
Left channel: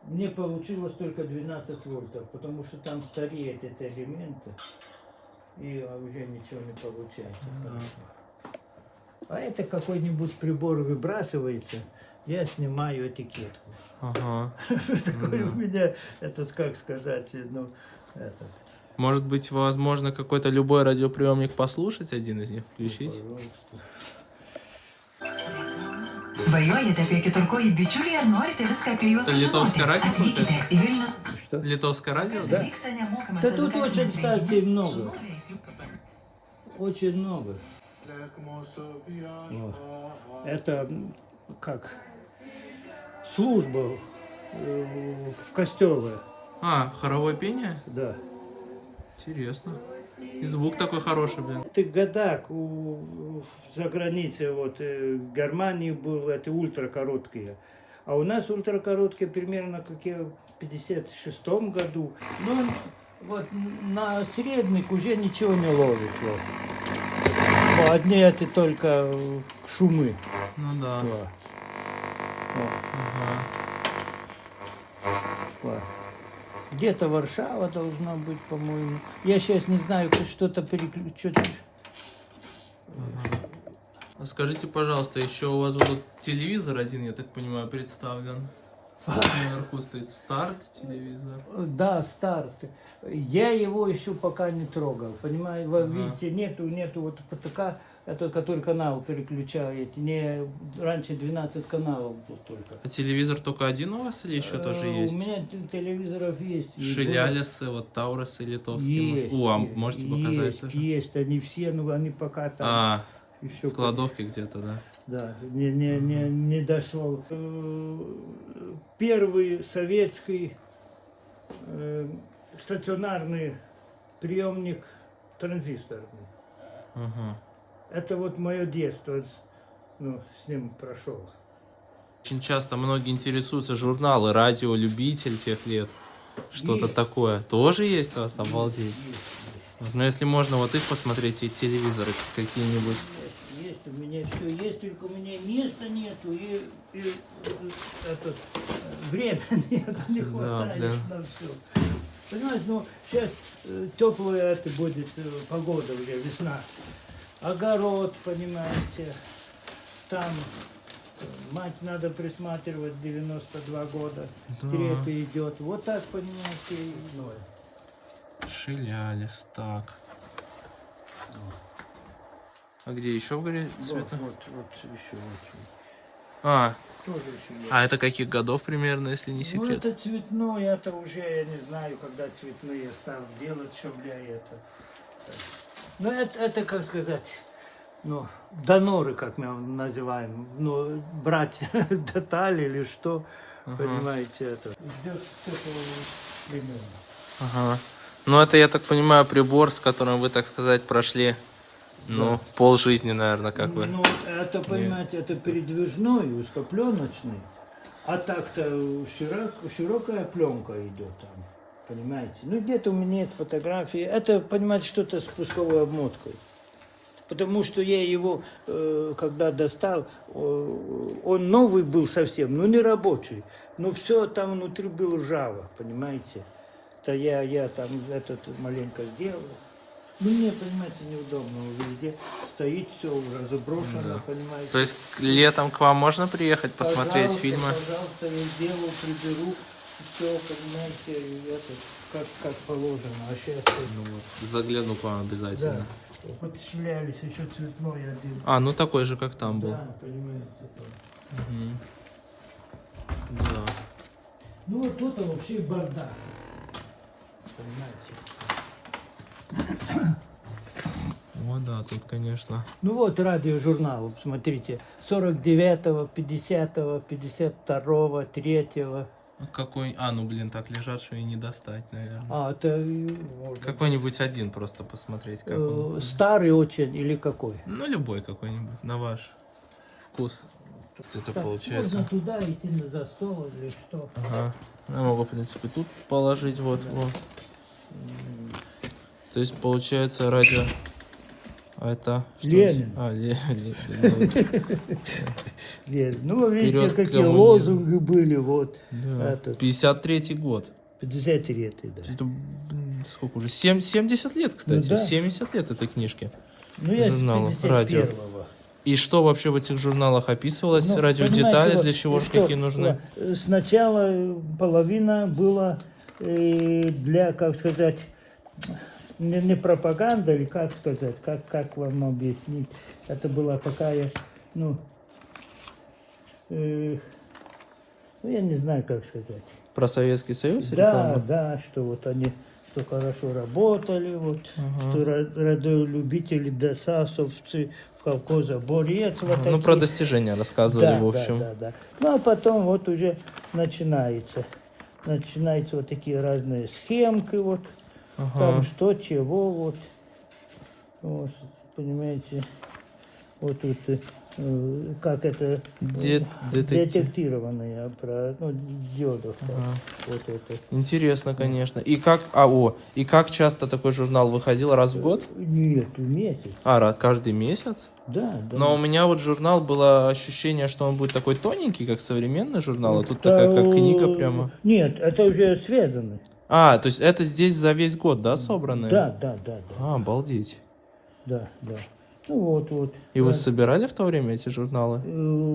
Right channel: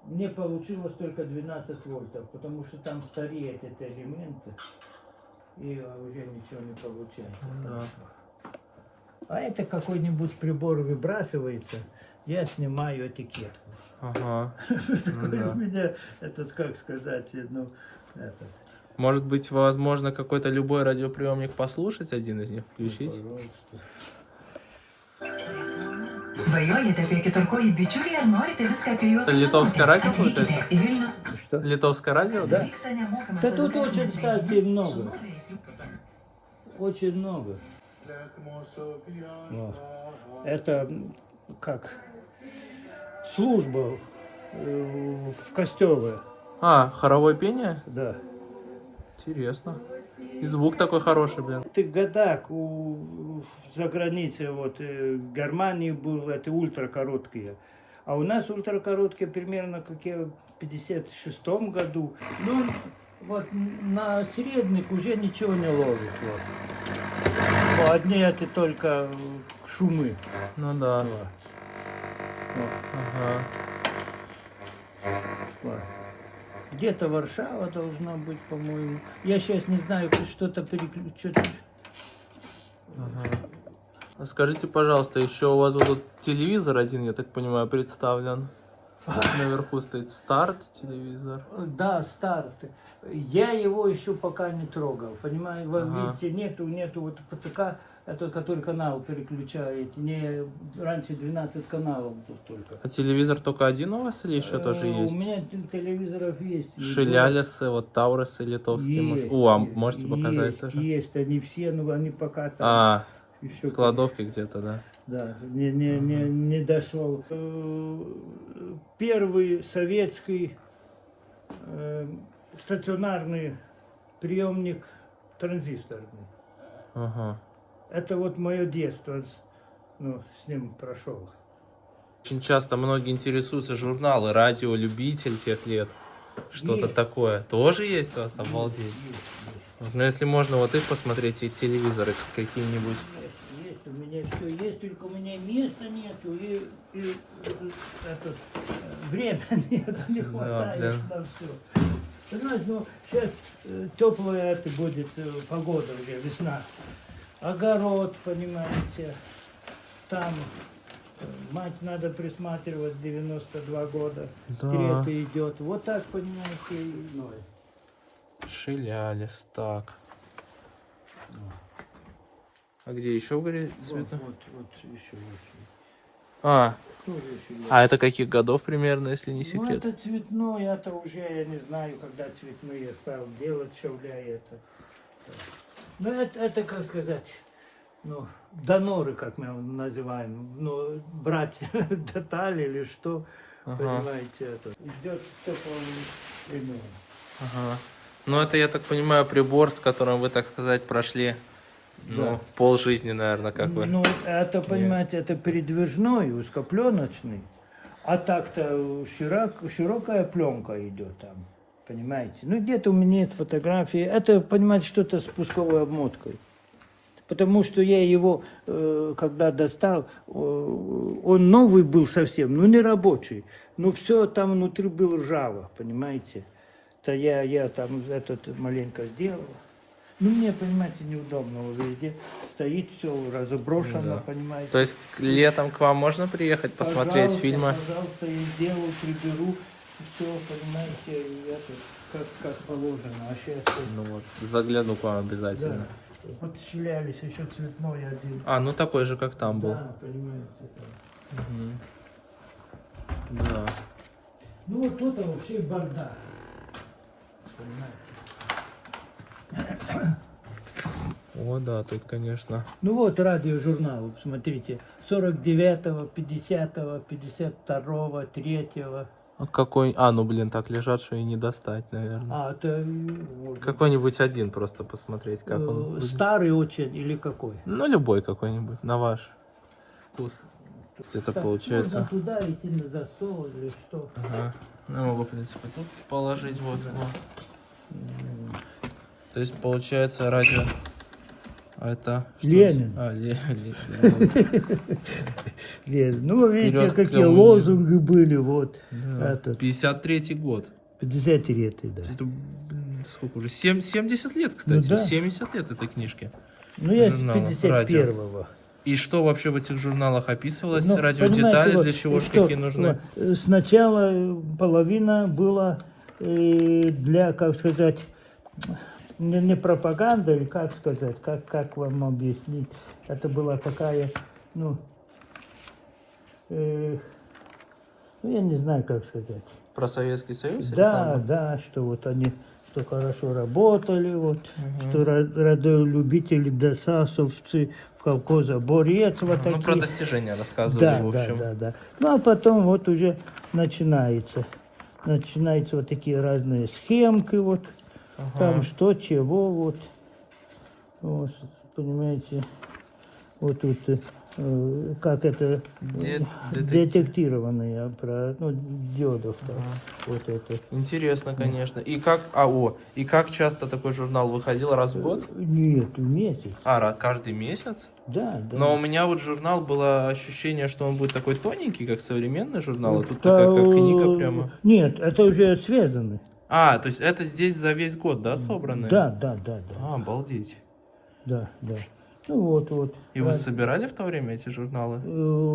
мне получилось только 12 вольтов, потому что там стареют эти элементы, и уже ничего не получается. Да. А это какой-нибудь прибор выбрасывается, я снимаю этикетку. Ага. Такой да. у меня, этот, как сказать, ну, этот. Может быть, возможно, какой-то любой радиоприемник послушать, один из них включить? Пожалуйста. Svajojote apie keturkojį bičiulį ir norite viską apie juos Это литовское радио Atvykite получается? į Vilnius. Что? Литовское радио? Да. Vyksta nemokamas Да тут очень, edukacinis кстати, renginys много. su naujais jų Очень много. Вот. Это как служба в костеле. А, хоровое пение? Да. Интересно. И звук такой хороший, блин. В tych годах за границей, вот в Германии был это ультракороткие. А у нас ультракороткие примерно как в 56-м году. Но вот на средних уже ничего не ловит. Вот. Одни это только шумы. Ну да. Вот. Вот. Ага. Вот. Где-то Варшава должна быть, по-моему. Я сейчас не знаю, что-то переключить. Ага. А скажите, пожалуйста, еще у вас вот тут телевизор один, я так понимаю, представлен. Вот наверху стоит старт телевизор. Да, старт. Я его еще пока не трогал. Понимаете, вы Ага. видите, нету вот ПТК, это который канал переключает. Не, раньше 12 каналов был только. А телевизор только один у вас или еще тоже есть? У меня телевизоров есть. и Шилялисы, вот Таурусы литовские. Есть, О, а есть, можете показать есть, тоже? Есть, они все, но они пока там. А, еще в кладовке где-то, да? Да, не дошел. Первый советский стационарный приемник транзисторный. Ага. Это вот мое детство, ну, с ним прошел. Очень часто многие интересуются журналы «Радио Любитель» тех лет. Что-то Есть. такое. Тоже есть у вас? Обалдеть. Ну, если можно, вот их посмотреть, и телевизоры какие-нибудь. Есть, у меня все есть, только у меня места нету, и это, время нету, не хватает да. на все. Понимаешь, ну, сейчас теплая это будет погода уже, весна. Огород, понимаете, там мать надо присматривать, 92 года, Да. трета идет. Вот так, понимаете, и, ну, Шилялис, так. А где еще, говорит, цвета? вот еще. А, Тоже еще есть. а это каких годов примерно, если не Ну, секрет? это цветное, это уже, я не знаю, когда цветные стал делать, шевля это. Ну, это, как сказать, ну, доноры, как мы называем, ну, брать детали или что, Ага. понимаете, это. Ждет такого времени. Ага. Ну, это, я так понимаю, прибор, с которым вы, так сказать, прошли, ну, полжизни, наверное, как вы. Ну, это, понимаете, это передвижной, узкопленочный, а так-то широкая пленка идет там, понимаете. Ну, где-то у меня нет фотографии. Это, понимаете, что-то с пусковой обмоткой. Потому что я его, когда достал, он новый был совсем, ну, не рабочий. Но все там внутри было ржаво, понимаете. То я там этот маленько сделал. Ну, мне, понимаете, неудобно везде. Стоит все разоброшено, Да. понимаете. То есть летом к вам можно приехать, посмотреть Пожалуйста, фильмы? Пожалуйста, я сделаю, приберу. Все, понимаете, и это, как положено. А сейчас... Ну вот, загляну к вам обязательно. Вот щелялись, еще цветной один. А, ну такой же, как там был. Да, понимаете. там. Мгм. Да. Ну, вот тут вообще бардак. Понимаете. О, да, тут, конечно. Ну вот радиожурнал, смотрите, 49-го, 50-го, 52-го, 3-го. А какой... А, ну блин, так лежат, что и не достать, наверное. А, это Какой-нибудь один просто посмотреть, как он будет. старый очень или какой? Ну, любой какой-нибудь, на ваш вкус. Это Так, получается. можно туда идти за стол или что? Ага. Я могу, в принципе, тут положить, вот. вот. То есть, получается, радио... А это... что Ленин. это? А, Ленин. Ну, видите, Вперед к какие коммунизму. лозунги были, вот. Да. Этот, 53-й год. 53-й, да. Это, блин, сколько уже? 70 лет, кстати. Ну да. 70 лет этой книжке. Ну, я с журналов, радио. 51-го. И что вообще в этих журналах описывалось? Ну, Радиодетали, понимаете, для вот, чего ж что, какие нужны? Сначала половина была для, как сказать, не пропаганда, или как сказать, как вам объяснить. Это была такая, ну, я не знаю, как сказать. Про Советский Союз? или Да, там? да, что вот они что хорошо работали, вот, Ага. что радиолюбители, досасовцы, в колхоза борец. Вот Ну, эти. про достижения рассказывали, Да, в общем. да. Ну, а потом вот уже начинается вот такие разные схемки, вот, Ага. там что, чего, вот, понимаете, вот тут, как это, Детектив. детектированные, ну, диодов, да. Вот это. Интересно, конечно. И как часто такой журнал выходил? Раз в год? Нет, в месяц, Каждый месяц? да. Но у меня вот журнал было ощущение, что он будет такой тоненький, как современный журнал, а тут Да, такая как книга прямо. Нет, это уже связаны. А, то есть это здесь за весь год, да, собраны? Да. А, обалдеть. Да. Ну вот. И вы собирали в то время эти журналы?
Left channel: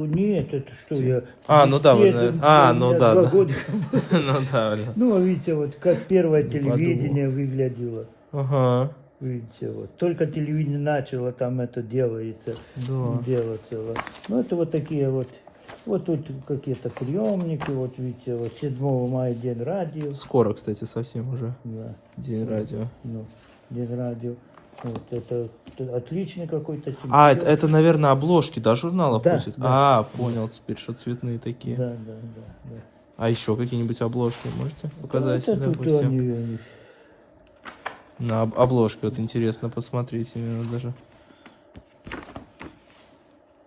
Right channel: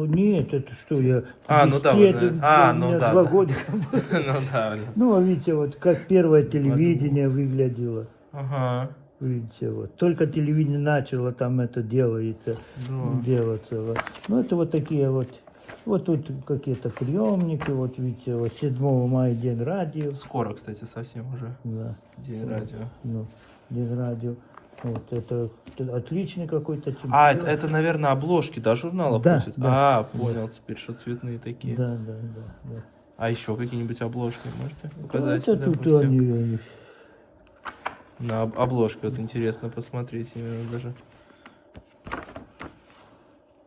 Нет, это что я... Ну да, вы же... ну да. 2 да. года. Ну да. Ну, видите, вот как первое телевидение выглядело. Ага. Видите, вот. Только телевидение начало там это делается. Делаться. Вот. Ну, это вот такие вот. Вот тут какие-то приемники, вот видите, вот 7 мая день радио. Скоро, кстати, совсем уже. Да. День радио. Ну, день радио. Вот это отличный какой-то чемпион. Это, наверное, обложки, да, журнала Да, просят? да. Понял теперь, что цветные такие. Да. А еще какие-нибудь обложки можете показать? Вот это тут допустим? они. На обложке вот интересно посмотреть именно даже.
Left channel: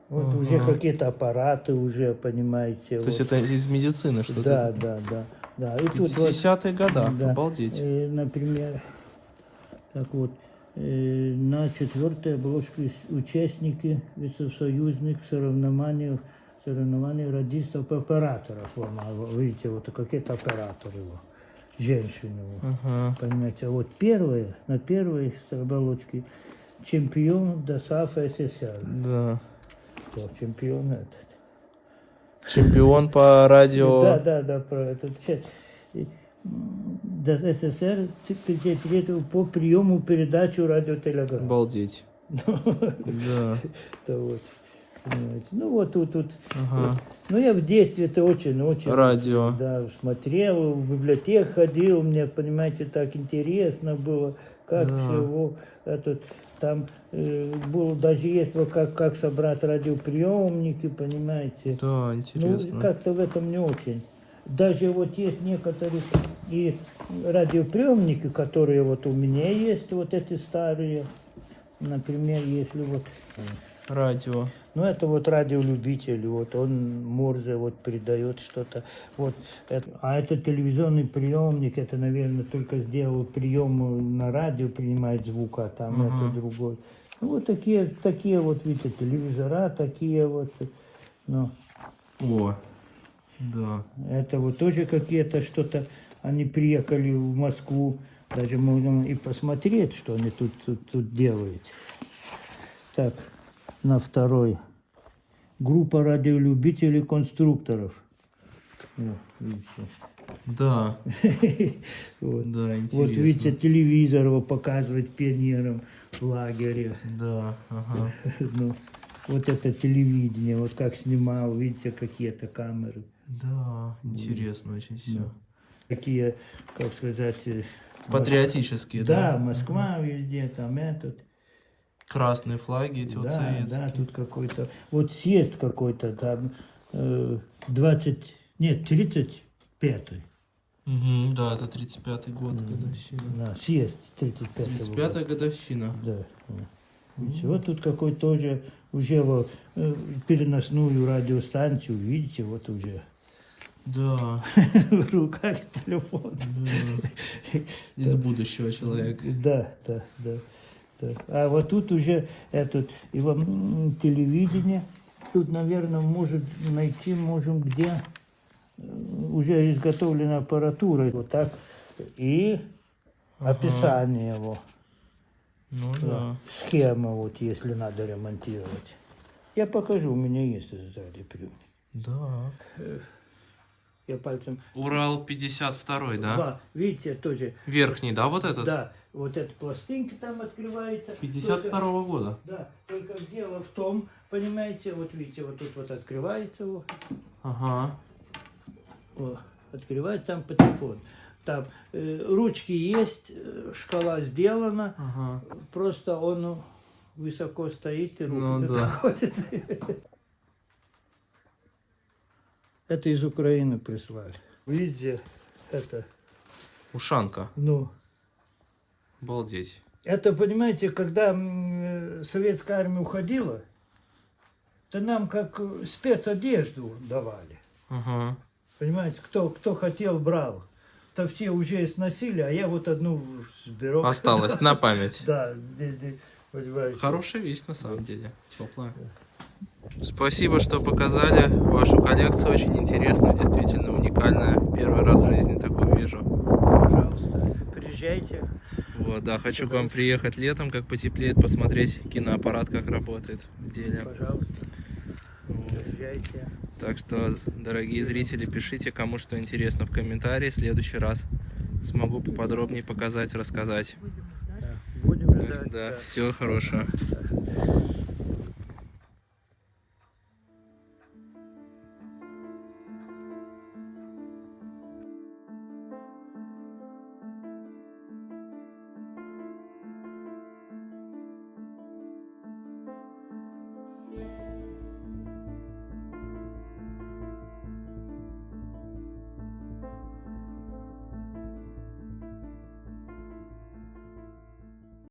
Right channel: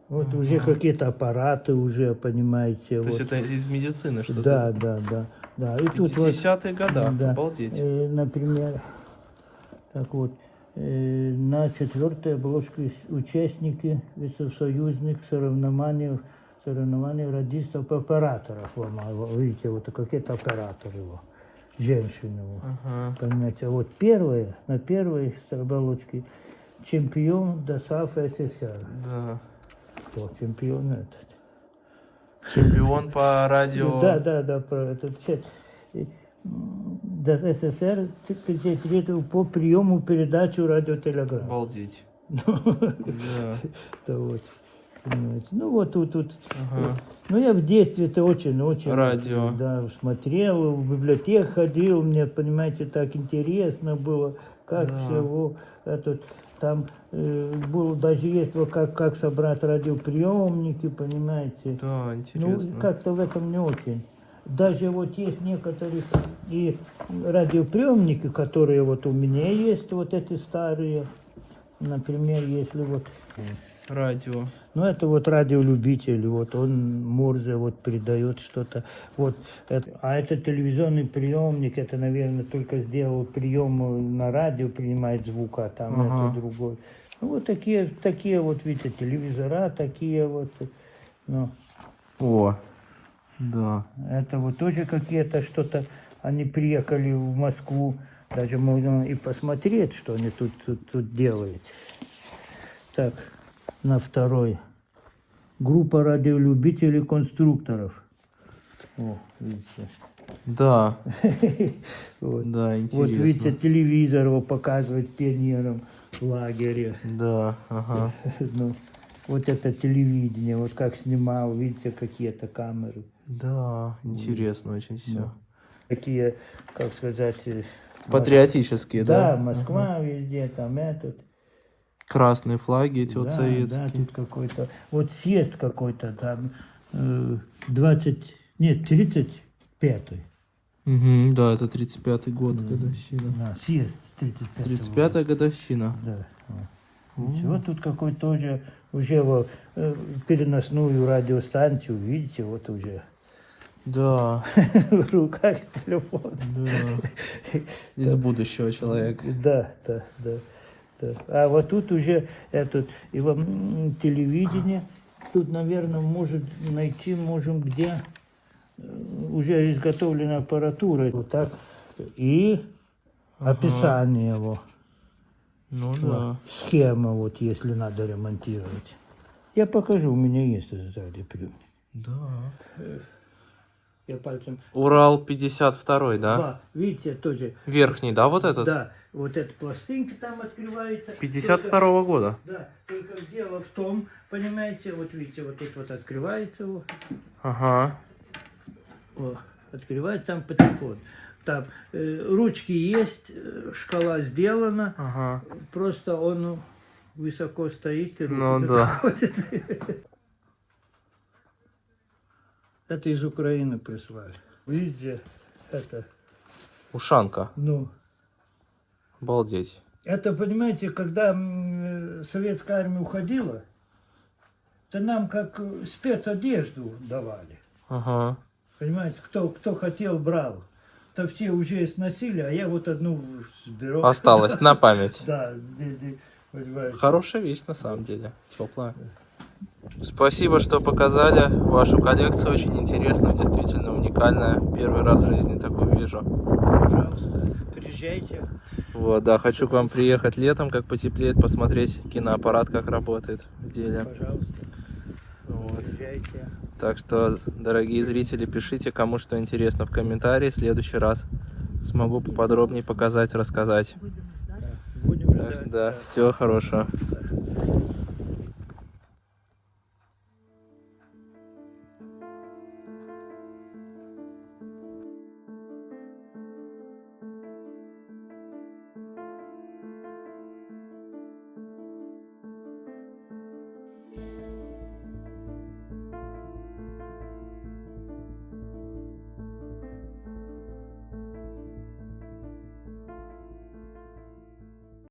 Вот уже какие-то аппараты уже, понимаете. То есть это из медицины что-то? Да. И тут вот, 50-е годы, да, обалдеть. например, так вот, на 4-й обложке участники союзных соревнований радистов-операторов. Видите, вот какие-то операторы его, женщины его. Понимаете, а вот на первой оболочке чемпион ДОСААФ СССР. Да. О, чемпион этот. Чемпион по радио. Да, про этот. СССР по приему передачу радиотелеграмм. Обалдеть. Да. Вот. Ну вот тут. Ну я в детстве-то очень. Радио. Да, смотрел, в библиотеку ходил, мне, понимаете, так интересно было, как всего этот. Там было даже есть вот как собрать радиоприемники, понимаете. Да, интересно. Ну, как-то в этом не очень. Даже вот есть некоторые и радиоприемники, которые вот у меня есть, вот эти старые. Например, если вот... Радио. Ну, это вот радиолюбитель, вот он Мурзе вот передает что-то. Вот а это телевизионный приемник, это, наверное, только сделал прием на радио, принимает звук, а там это другой. Ну, вот такие вот, видите, телевизора, такие вот. Ну. О, да. Это вот тоже какие-то что-то, они приехали в Москву, даже можно и посмотреть, что они тут делают. Так. На 2-й. Группа радиолюбителей конструкторов. О, видите. Да. Вот. Да, интересно. Вот видите, телевизор его показывает пионерам в лагере. Да, ага. Ну, вот это телевидение, вот как снимал, видите, какие-то камеры. Да, интересно очень все. Такие, как сказать... Патриотические, да? Да, Москва везде, там этот... Красные флаги эти вот советские. Да, тут какой-то, вот съезд какой-то там, 35-й. Да, это 35-й год, годовщина. Съезд 35-й. 35-я годовщина. Да. Все, тут какой-то тоже, уже вот, переносную радиостанцию, видите, вот уже. Да. В руках телефон. Да. Из будущего человека. Да. А вот тут уже телевидение, тут, наверное, можем где уже изготовлена аппаратура. Вот так. И описание его. Ну да. Схема, вот, если надо ремонтировать. Я покажу, у меня есть этот радиоприемник. Да. Я пальцем... Урал 52-й, да? Да, видите, тоже. Верхний, да, вот этот? Да, вот эта пластинка там открывается. 52-го года. Да, только дело в том, понимаете, вот видите, вот тут вот открывается. Вот. Ага. О, открывается там патефон. Там ручки есть, шкала сделана. Ага. Просто он высоко стоит. И ну да. Это из Украины прислали. Видите, это... Ушанка. Ну. Обалдеть. Это, понимаете, когда советская армия уходила, то нам как спецодежду давали. Ага. Понимаете, кто хотел, брал. То все уже сносили, а я вот одну сберу. Осталось на память. Да, понимаете. Хорошая вещь на самом деле. Теплая. Спасибо, что показали вашу коллекцию. Очень интересно, действительно уникальная. Первый раз в жизни такую вижу. Пожалуйста, приезжайте. Вот, да, хочу к вам приехать летом, как потеплеет, посмотреть киноаппарат, как работает в деле. Пожалуйста, Вот. приезжайте. Так что, дорогие зрители, пишите, кому что интересно в комментарии. В следующий раз смогу поподробнее показать, рассказать. Да, будем Так что, ждать. да, Да. всего хорошего. Да.